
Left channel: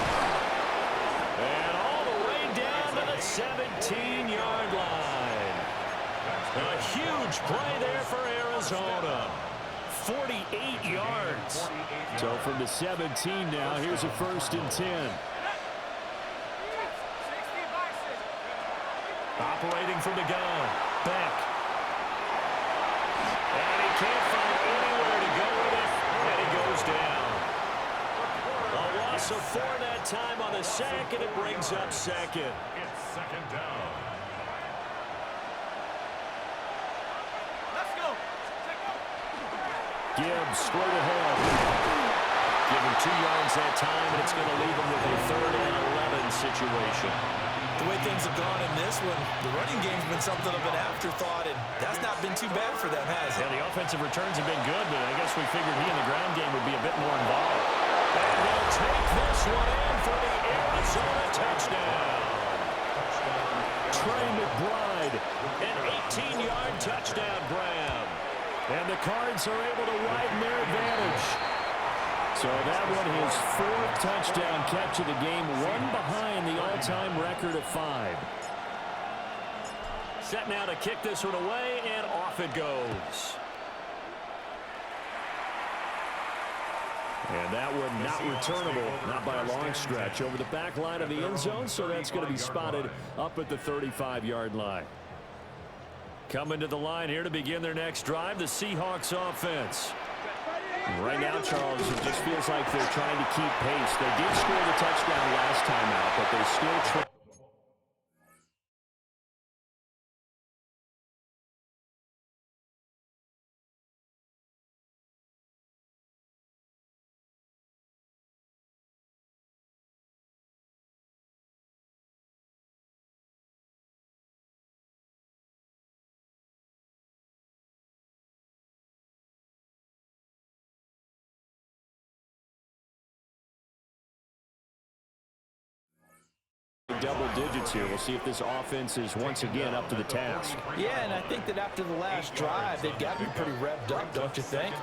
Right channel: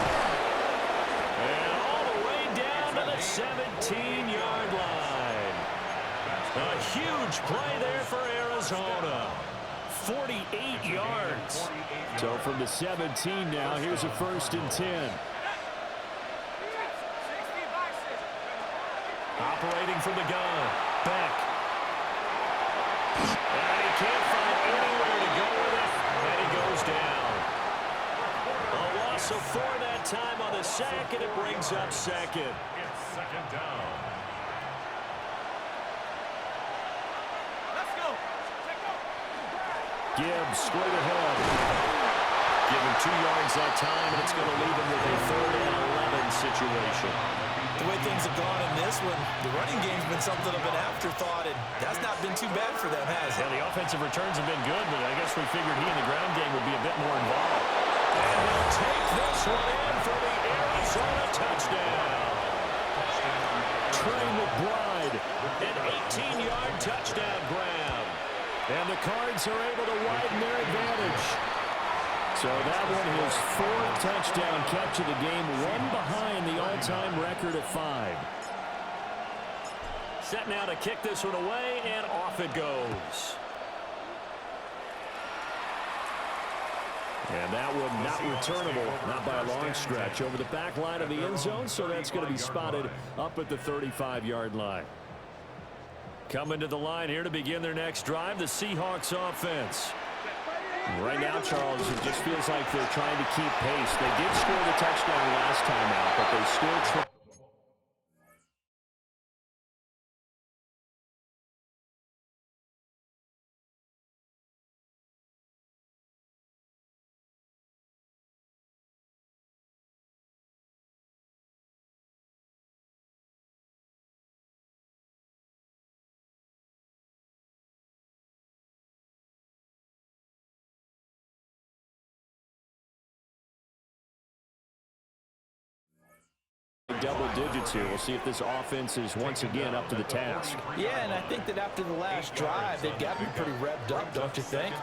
And all the way down to the 17-yard line. A huge play there for Arizona. 48 yards. So from the 17 now, here's a 1st and 10. Operating from the gun. Beck. And he can't find anywhere to go with it. And he whistle for that time on the sack, and it brings up second. It's second down. Let's go. Gibbs straight ahead. Give him 2 yards that time, and it's going to leave him with a 3rd and 11 situation. The way things have gone in this one, the running game's been something of an afterthought, and that's not been too bad for them, has it? Yeah, the offensive returns have been good, but I guess we figured he in the ground game would be a bit more involved. And he'll take this one in for the Arizona touchdown. Trey McBride, an 18-yard touchdown grab. And the Cards are able to widen their advantage. So that one his 4th touchdown catch of the game, one behind the all-time record of 5. Set now to kick this one away, and off it goes. And that one not returnable, not by a long stretch, over the back line of the end zone, so that's going to be spotted up at the 35-yard line. Coming to the line here to begin their next drive, the Seahawks offense. Right now, Charles, it just feels like they're trying to keep pace. They did score the touchdown last time out, but they still try. Double digits here. We'll see if this offense is once again up to the task. Yeah, and I think that after the last drive, they've got to be pretty revved up, don't you think?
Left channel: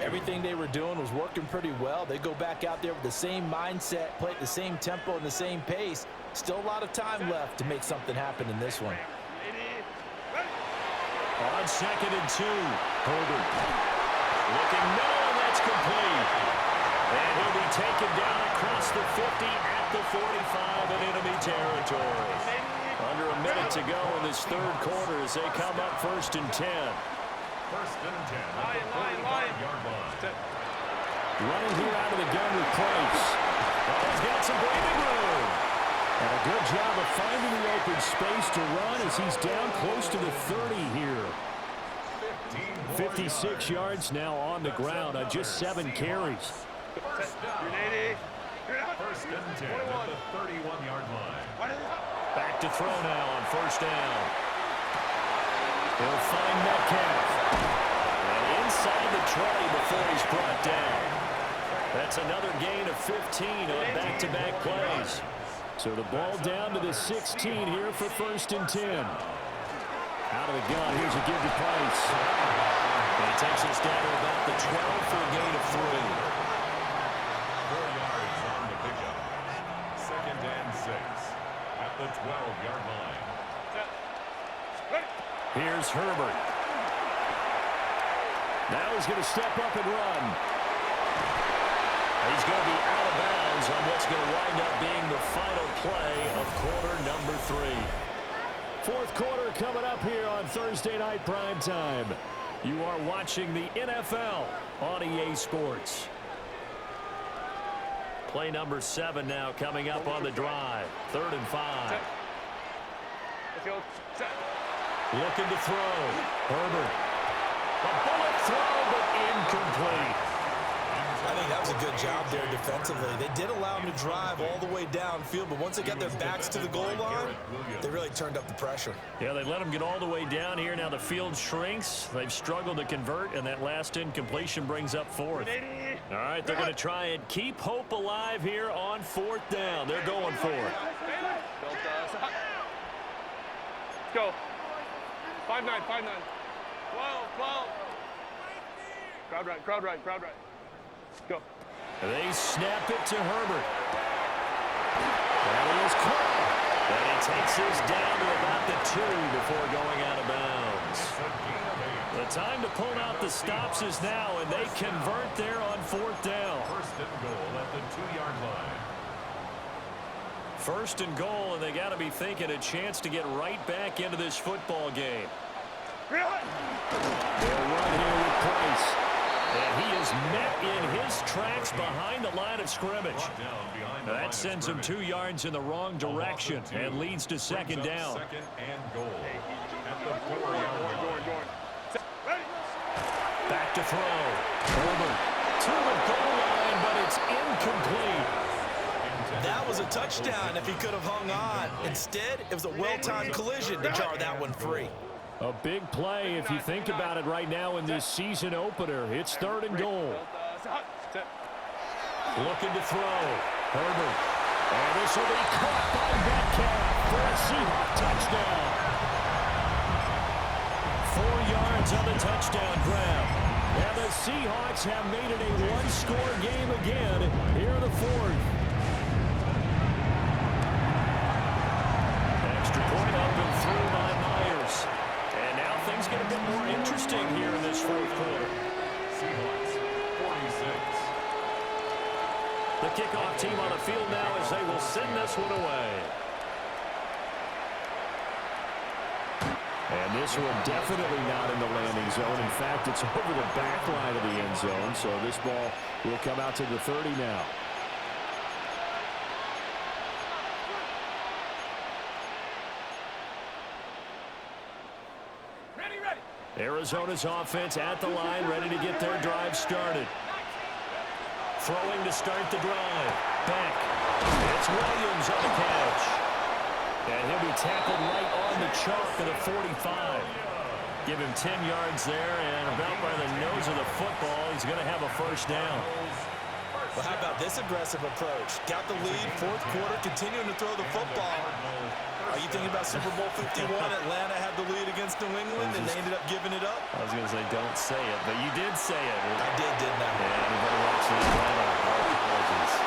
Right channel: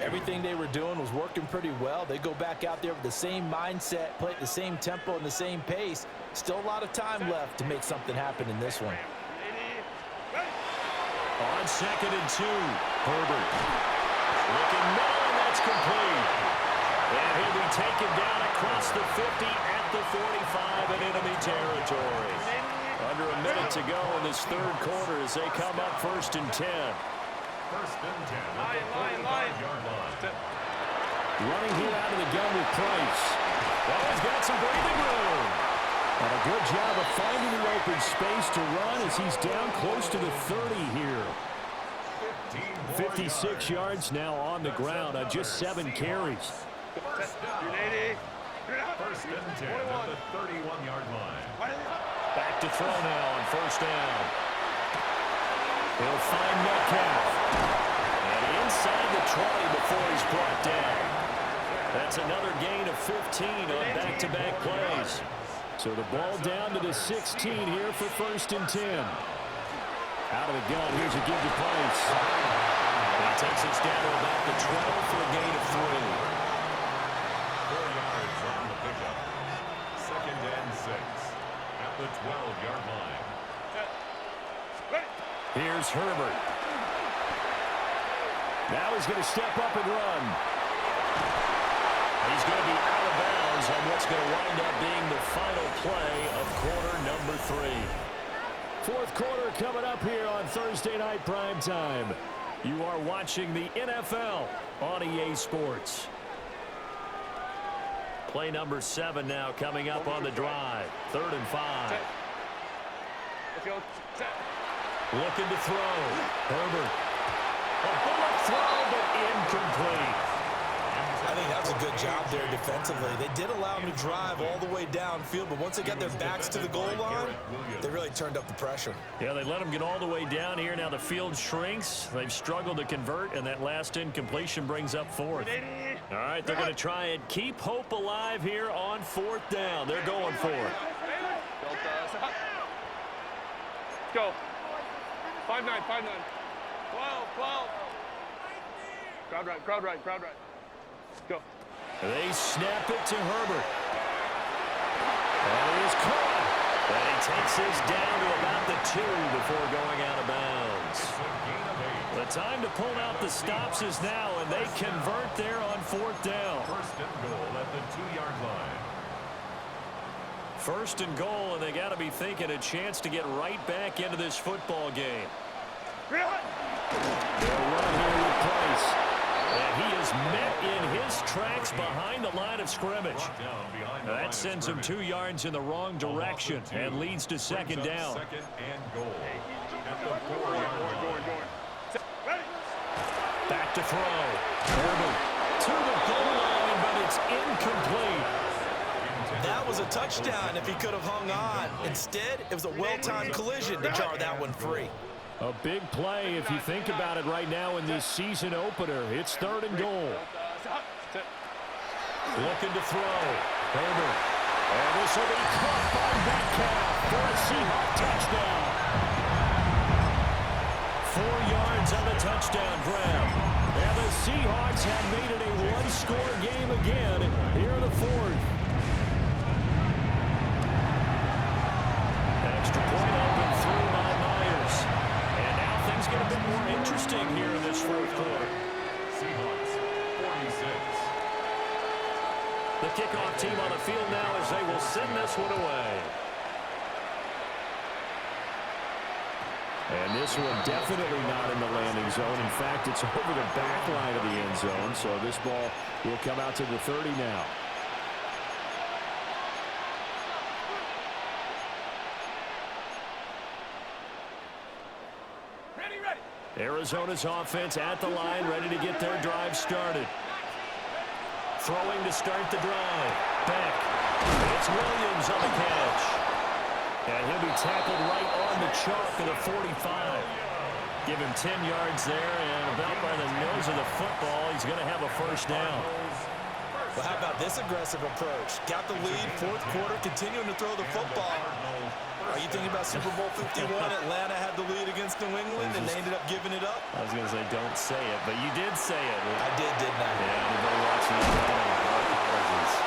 Everything they were doing was working pretty well. They go back out there with the same mindset, play at the same tempo and the same pace. Still a lot of time left to make something happen in this one. On 2nd and 2, Herbert. Looking middle, and that's complete. And he'll be taken down across the 50 at the 45 in enemy territory. Under a minute to go in this 3rd quarter as they come up 1st and 10. 1st and 10 at the 45-yard line. Running here out of the gun with Price. Oh, he's got some breathing room. And a good job of finding the open space to run as he's down close to the 30 here. 56 yards now on the ground on just 7 carries. First down. 1st and 10 at the 31-yard line. Back to throw now on 1st down. He'll find Metcalf. And inside the 20 before he's brought down. That's another gain of 15 on back-to-back plays. So the ball down to the 16 here for 1st and 10. Out of the gun, here's a give to Price. And he takes us down to about the 12 for a gain of 3. 4 yards on the pickup. 2nd and 6 at the 12-yard line. Here's Herbert. Now he's going to step up and run. He's going to be out of bounds on what's going to wind up being the final play of quarter number 3. 4th quarter coming up here on Thursday Night Primetime. You are watching the NFL on EA Sports. Play number 7 now coming up on the drive. 3rd and 5. Let's go. Set. Looking to throw. Herbert. A bullet throw, but incomplete. I think that was a good job there defensively. They did allow him to drive all the way downfield, but once they got their backs to the goal line, they really turned up the pressure. Yeah, they let him get all the way down here. Now the field shrinks. They've struggled to convert, and that last incompletion brings up 4th. All right, they're going to try and keep hope alive here on 4th down. They're going for it. Let's go. 5-9, 5-9. 12. Crowd right. Go. They snap it to Herbert. That is caught. And he takes this down to about the 2 before going out of bounds. The time to pull out the stops is now, and they convert there on 4th down. 1st and goal at the 2-yard line. 1st and goal, and they got to be thinking a chance to get right back into this football game. They'll run here with Price. And he is met in his tracks behind the line of scrimmage. That sends him 2 yards in the wrong direction and leads to second down. Second and goal at the 4-yard line. Back to throw. Herbert to the goal line, but it's incomplete. That was a touchdown if he could have hung on. Instead, it was a well-timed collision to jar that one free. A big play if you think about it right now in this season opener. It's 3rd and goal. Looking to throw. Herbert. And this will be caught by Metcalf for a Seahawk touchdown. 4 yards on the touchdown grab. And the Seahawks have made it a one-score game again here in the 4th. Extra point up and through by Myers. And now things get a bit more interesting here in this 4th quarter. Seahawks 46. The kickoff team on the field now as they will send this one away. And this one definitely not in the landing zone. In fact, it's over the back line of the end zone. So this ball will come out to the 30 now. Arizona's offense at the line, ready to get their drive started. Throwing to start the drive. Beck. It's Williams on the catch. And he'll be tackled right on the chalk of the 45. Give him 10 yards there, and about by the nose of the football, he's going to have a first down. Well, how about this aggressive approach? Got the lead, 4th quarter, continuing to throw the football. Are you thinking about Super Bowl 51? Atlanta had the lead against New England, and they ended up giving it up? I was going to say, don't say it, but you did say it. I did, didn't I? Yeah, anybody watching Atlanta, our apologies.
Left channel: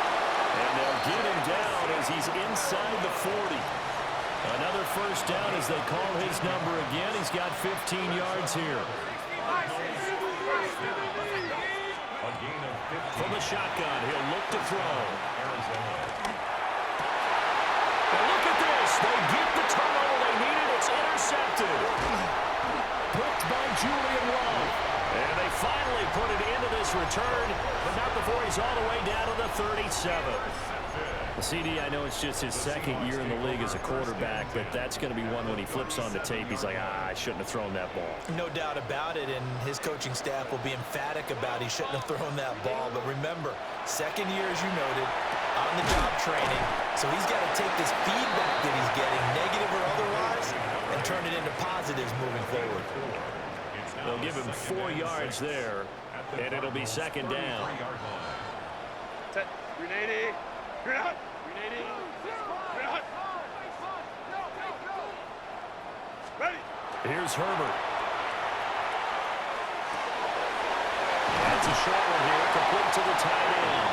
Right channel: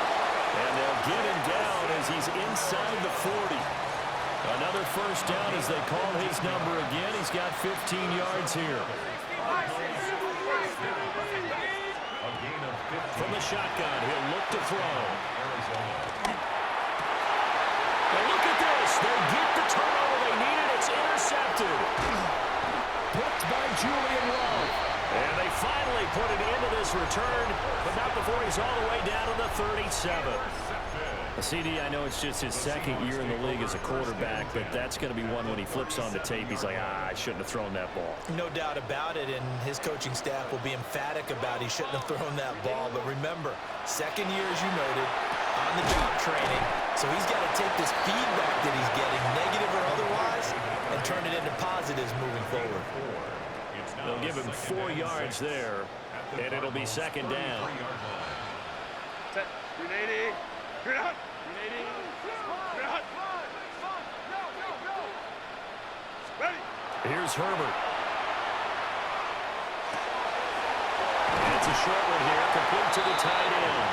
And they'll get him down as he's inside the 40. Another first down as they call his number again. He's got 15 yards here. From the shotgun, he'll look to throw. And look at this. They get the turnover they needed. It's intercepted. Picked by Julian Love. And they finally put it into this return, but not before he's all the way down to the 37. CD, I know it's just his 2nd year in the league as a quarterback, but that's going to be one when he flips on the tape. He's like, I shouldn't have thrown that ball. No doubt about it, and his coaching staff will be emphatic about he shouldn't have thrown that ball. But remember, 2nd year, as you noted, on-the-job training, so he's got to take this feedback that he's getting, negative or otherwise, and turn it into positives moving forward. They'll give him 4 yards there, and it'll be second down. Set. 380. You're out. 380. You're out. Ready. Here's Herbert. And it's a short one here, complete to the tight end.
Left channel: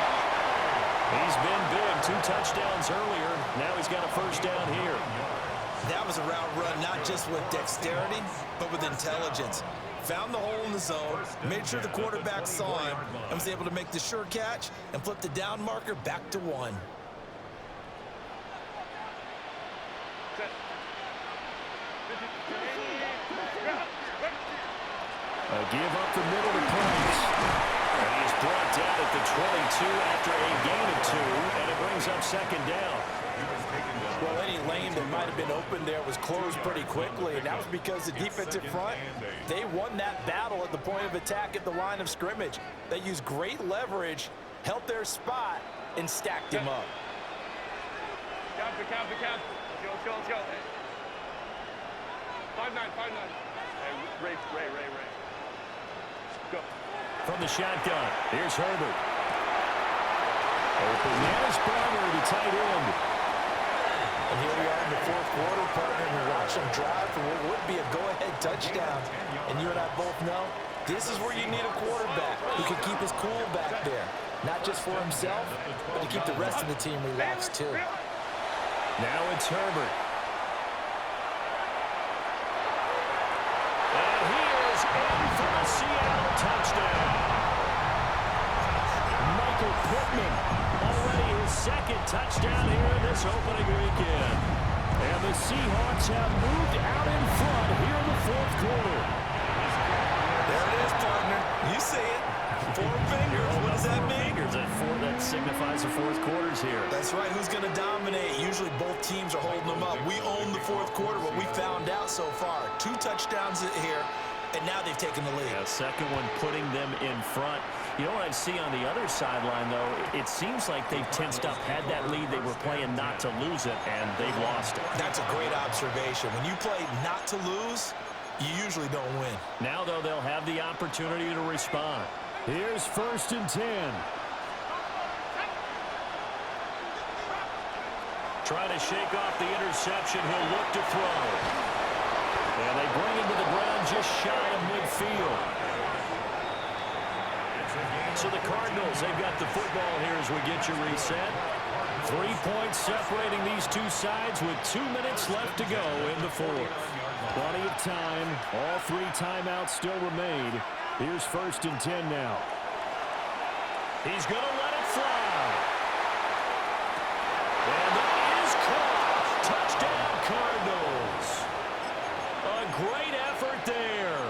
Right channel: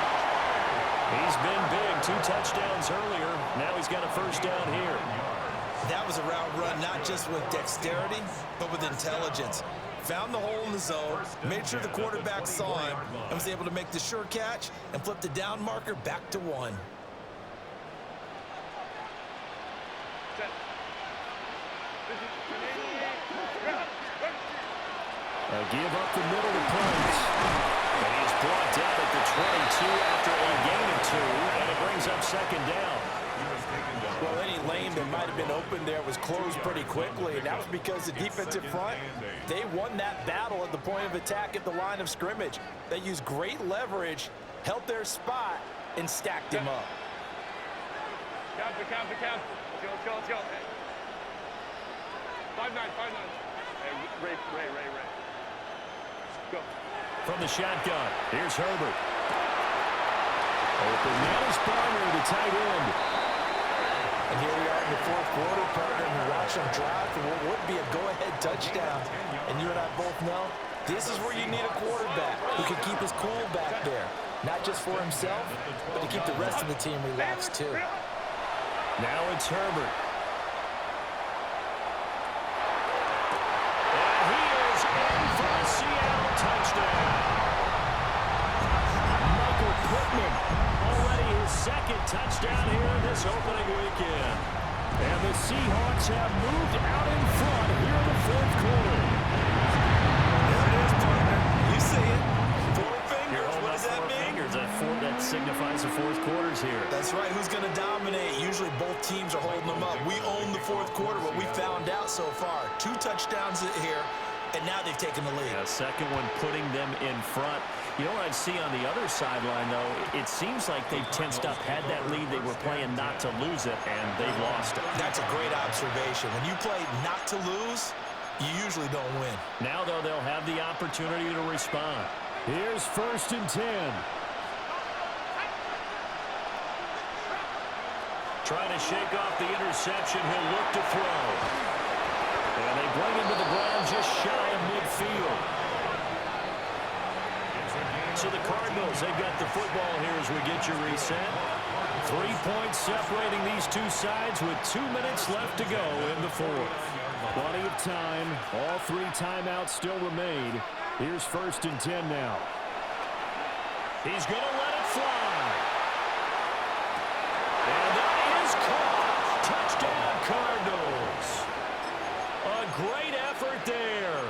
He's been big, 2 touchdowns earlier. Now he's got a first down here. That was a route run not just with dexterity, but with intelligence. Found the hole in the zone, made sure the quarterback saw him, and was able to make the sure catch and flip the down marker back to 1. Give up the middle to Price. And he is brought down at the 22 after a gain of 2, and it brings up second down. Well, any lane that might have been open there was closed pretty quickly, and that was because the defensive front, they won that battle at the point of attack at the line of scrimmage. They used great leverage, held their spot, and stacked him up. Count. Let's go. Hey. 5-9. Hey, Ray. Go. From the shotgun, here's Herbert. Open man is Barner, the tight end. And here we are in the 4th quarter, partner, and we watch them drive for what would be a go-ahead touchdown. And you and I both know this is where you need a quarterback who can keep his cool back there. Not just for himself, but to keep the rest of the team relaxed too. Now it's Herbert. And he is in for a Seattle touchdown. Michael Pittman, already his 2nd touchdown here in this opening weekend. And the Seahawks have moved out in front here in the 4th quarter. There it is, partner. You see it. identifies the fourth quarters here. That's right. Who's going to dominate? Usually both teams are holding them up. We own the fourth quarter, what we found out so far. 2 touchdowns here, and now they've taken the lead. Yeah, second one putting them in front. You know what I see on the other sideline, though? It seems like they've tensed up, had that lead. They were playing not to lose it, and they've lost it. That's a great observation. When you play not to lose, you usually don't win. Now, though, they'll have the opportunity to respond. Here's 1st and 10. Trying to shake off the interception. He'll look to throw. And they bring him to the ground just shy of midfield. So the Cardinals, they've got the football here as we get you reset. 3 points separating these two sides with 2 minutes left to go in the fourth. Plenty of time. All 3 timeouts still remain. Here's 1st and 10 now. He's going to let it fly. And that is caught. Touchdown, Cardinals. A great effort there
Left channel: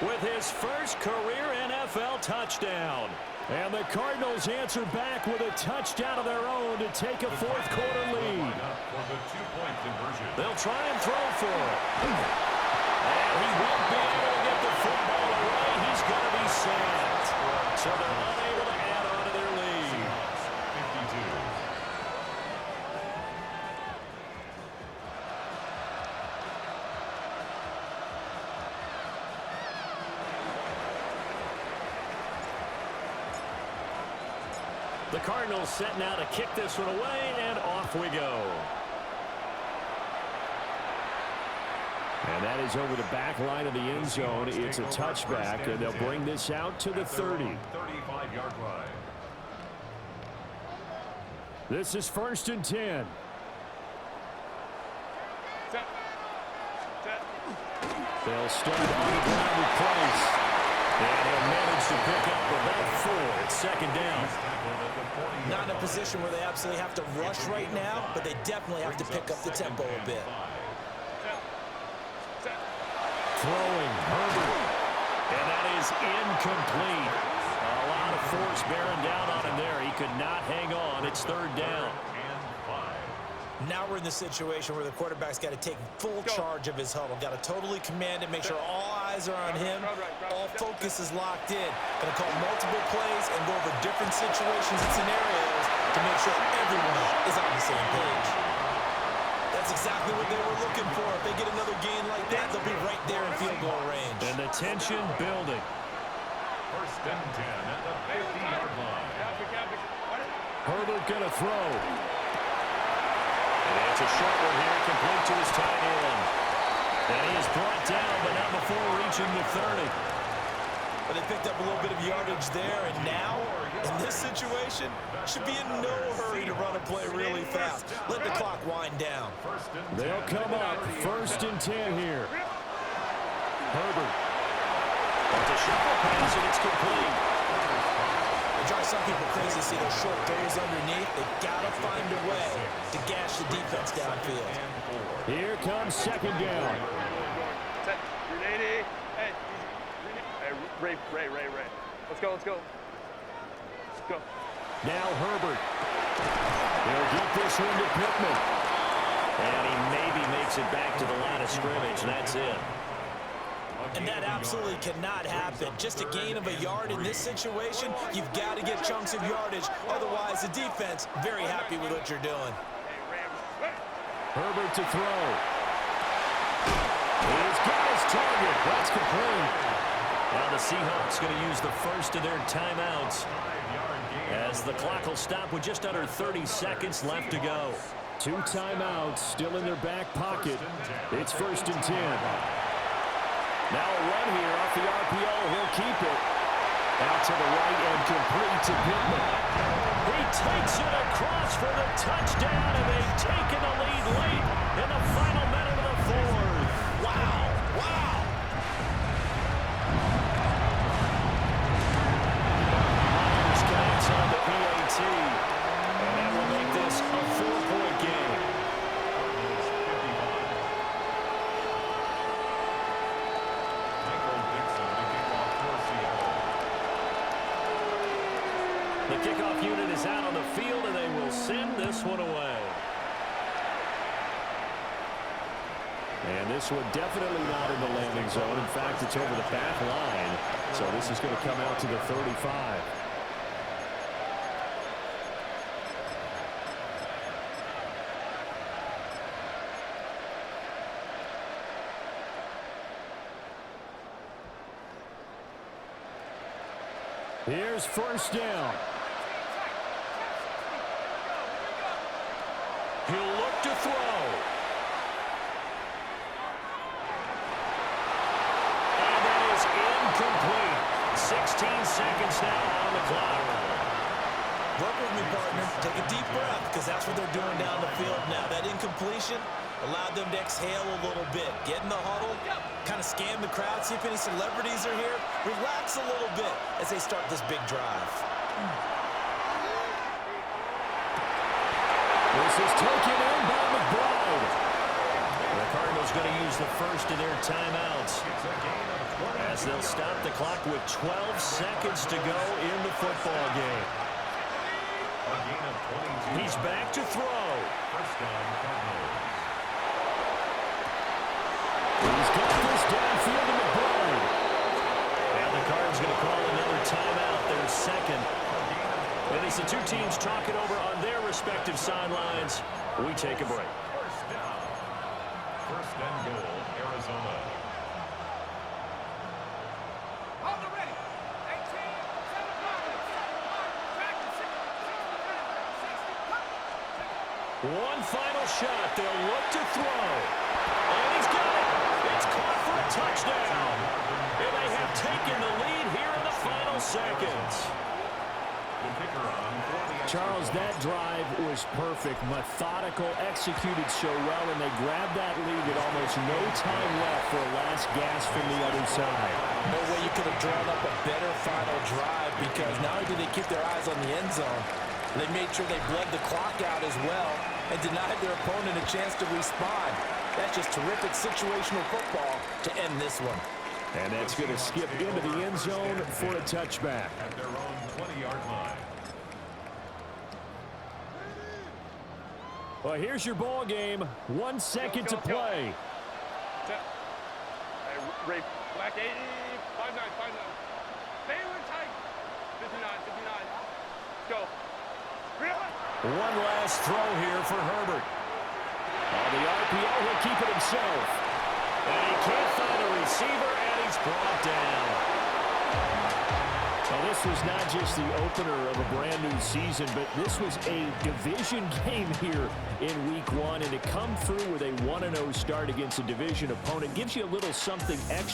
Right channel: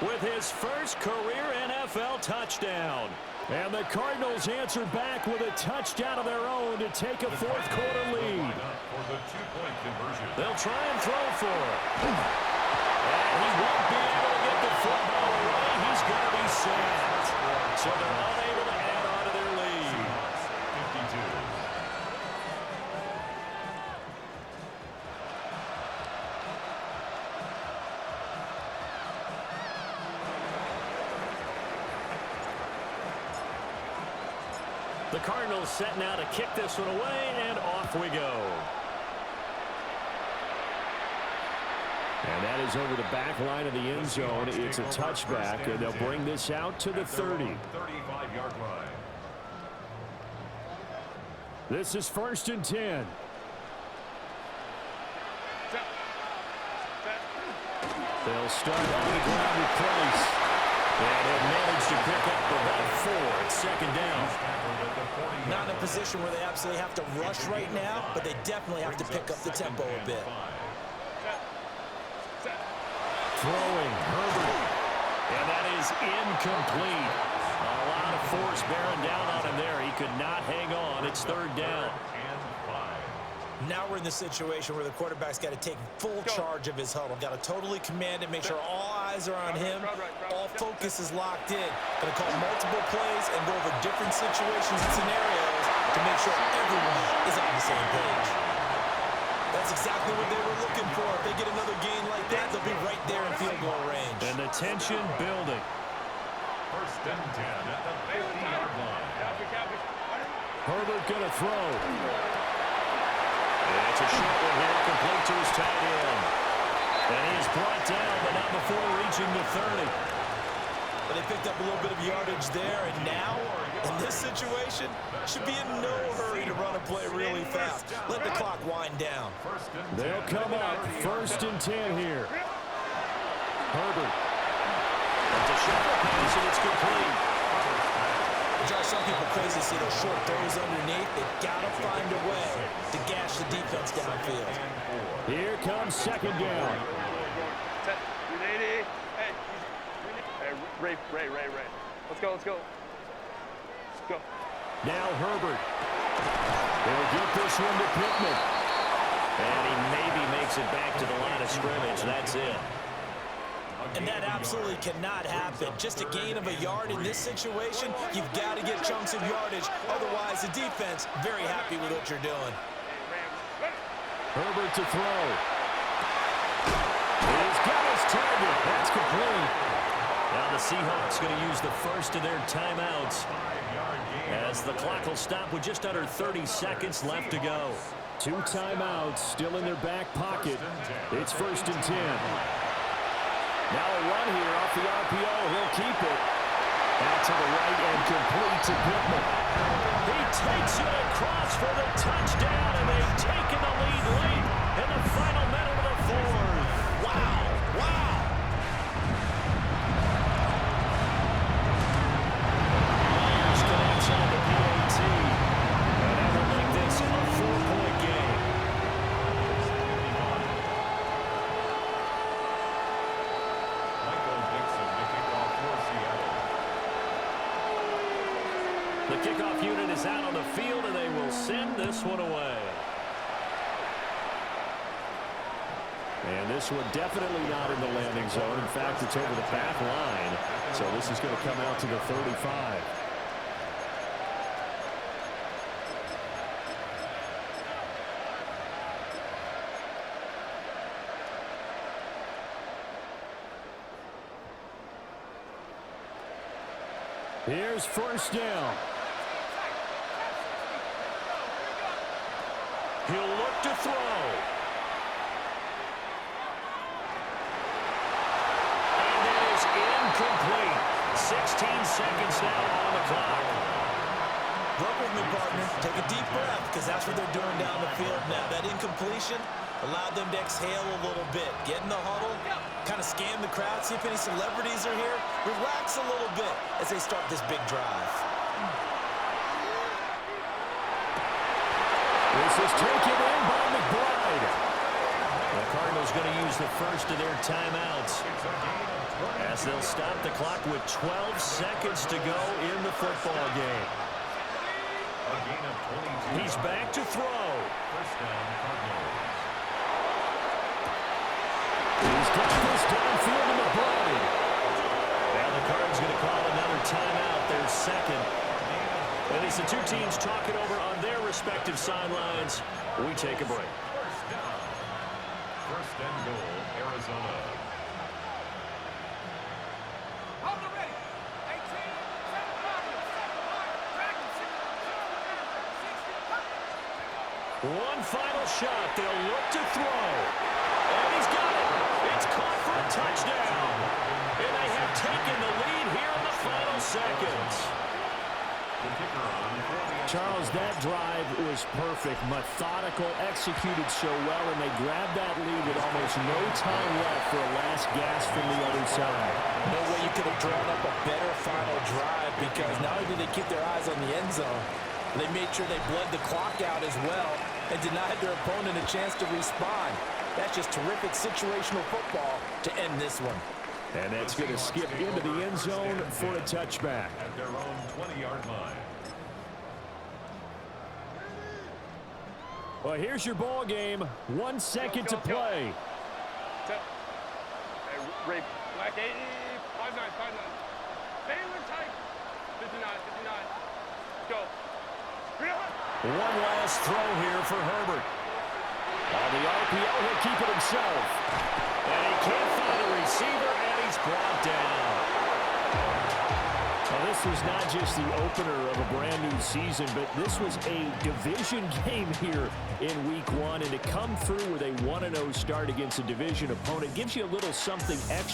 with his first career NFL touchdown. And the Cardinals answer back with a touchdown of their own to take a fourth quarter lead. They'll try and throw for it. And he won't be able to get the football away. He's going to be sacked. So they're unable to add on to their lead. 52. The Cardinals set now to kick this one away, and off we go. And that is over the back line of the end zone. It's a touchback, and they'll bring this out to the 30. 35-yard line. This is 1st and 10. Set. They'll start on the ground with Price. And he'll manage to pick up about 4 at 2nd down. Not in a position where they absolutely have to rush right now, but they definitely have to pick up the tempo a bit. Throwing, Herbert. And that is incomplete. A lot of force bearing down on him there. He could not hang on. It's 3rd down. Now we're in the situation where the quarterback's got to take full charge of his huddle. Got to totally command it, make sure all eyes are on him. All focus is locked in. Going to call multiple plays and go over different situations and scenarios to make sure everyone is on the same page. That's exactly what they were looking for. If they get another gain like that, they'll be right there in field goal range. And the tension building. 1st and 10 at the 50-yard line. Herbert going to throw. It's a short one here, complete to his tight end. And he is brought down, but not before reaching the 30. But they picked up a little bit of yardage there, and now, in this situation, should be in no hurry to run a play really fast. Let the clock wind down. They'll come up 1st and 10 here. Herbert. That's a shuffle pass, and it's complete. It drives some people crazy to see those short throws underneath. They've got to find a way to gash the defense downfield. Here comes 2nd down. Set. 380. Hey, Ray. Let's go. Let's go. Now Herbert. He'll get this one to Pittman. And he maybe makes it back to the line of scrimmage. That's it. And that absolutely cannot happen. Just a gain of a yard in this situation, you've got to get chunks of yardage. Otherwise, the defense, very happy with what you're doing. Herbert to throw. He's got his target. That's complete. Now the Seahawks going to use the first of their timeouts as the clock will stop with just under 30 seconds left to go. 2 timeouts still in their back pocket. It's 1st and 10. Now a run here off the RPO. He'll keep it. Out to the right and complete to Pittman. He takes it across for the touchdown, and they've taken the lead late in the final minute of the fourth. Wow. Myers connects on the PAT, and that will make this a 4-point game. The kickoff unit is out on the field, and they will send this one away. And this one definitely not in the landing zone. In fact, it's over the back line. So this is going to come out to the 35. Here's first down. He'll look to throw. And that is incomplete. 16 seconds now on the clock. Work with me, partner. Take a deep breath, because that's what they're doing down the field now. That incompletion allowed them to exhale a little bit. Get in the huddle, kind of scan the crowd, see if any celebrities are here. Relax a little bit as they start this big drive. This is taken in by McBride. The Cardinals going to use the first of their timeouts as they'll stop the clock with 12 seconds to go in the football game. A gain of 22. He's back to throw. First down, Cardinals. He's got this downfield to McBride. Now the Cardinals going to call another timeout, their second. And as the two teams talk it over on their respective sidelines, we take a break. First down. First and goal, Arizona. Hold it ready. 18, 7 pocket, 7 pocket, tracking, 60, One final shot. They'll look to throw. And he's got it. It's caught for a touchdown. And they have taken the lead here in the final seconds. The kicker on for the Charles, that drive was perfect, methodical, executed so well, and they grabbed that lead with almost no time left for a last gasp from the other side. No way you could have drawn up a better final drive, because not only did they keep their eyes on the end zone, they made sure they bled the clock out as well and denied their opponent a chance to respond. That's just terrific situational football to end this one. And that's going to skip into the end zone for a touchback. at their own 20-yard line. Well, here's your ball game. 1 second to play. Hey, Ray, Black 80, 5'9", 5'9". Baylor tight. 59, 59. Go. One last throw here for Herbert. On the RPO, he'll keep it himself. And he can't find a receiver, and he's brought down. Well, this was not just the opener of a brand new season, but this was a division game here in week 1. And to come through with a 1-0 start against a division opponent gives you a little something extra.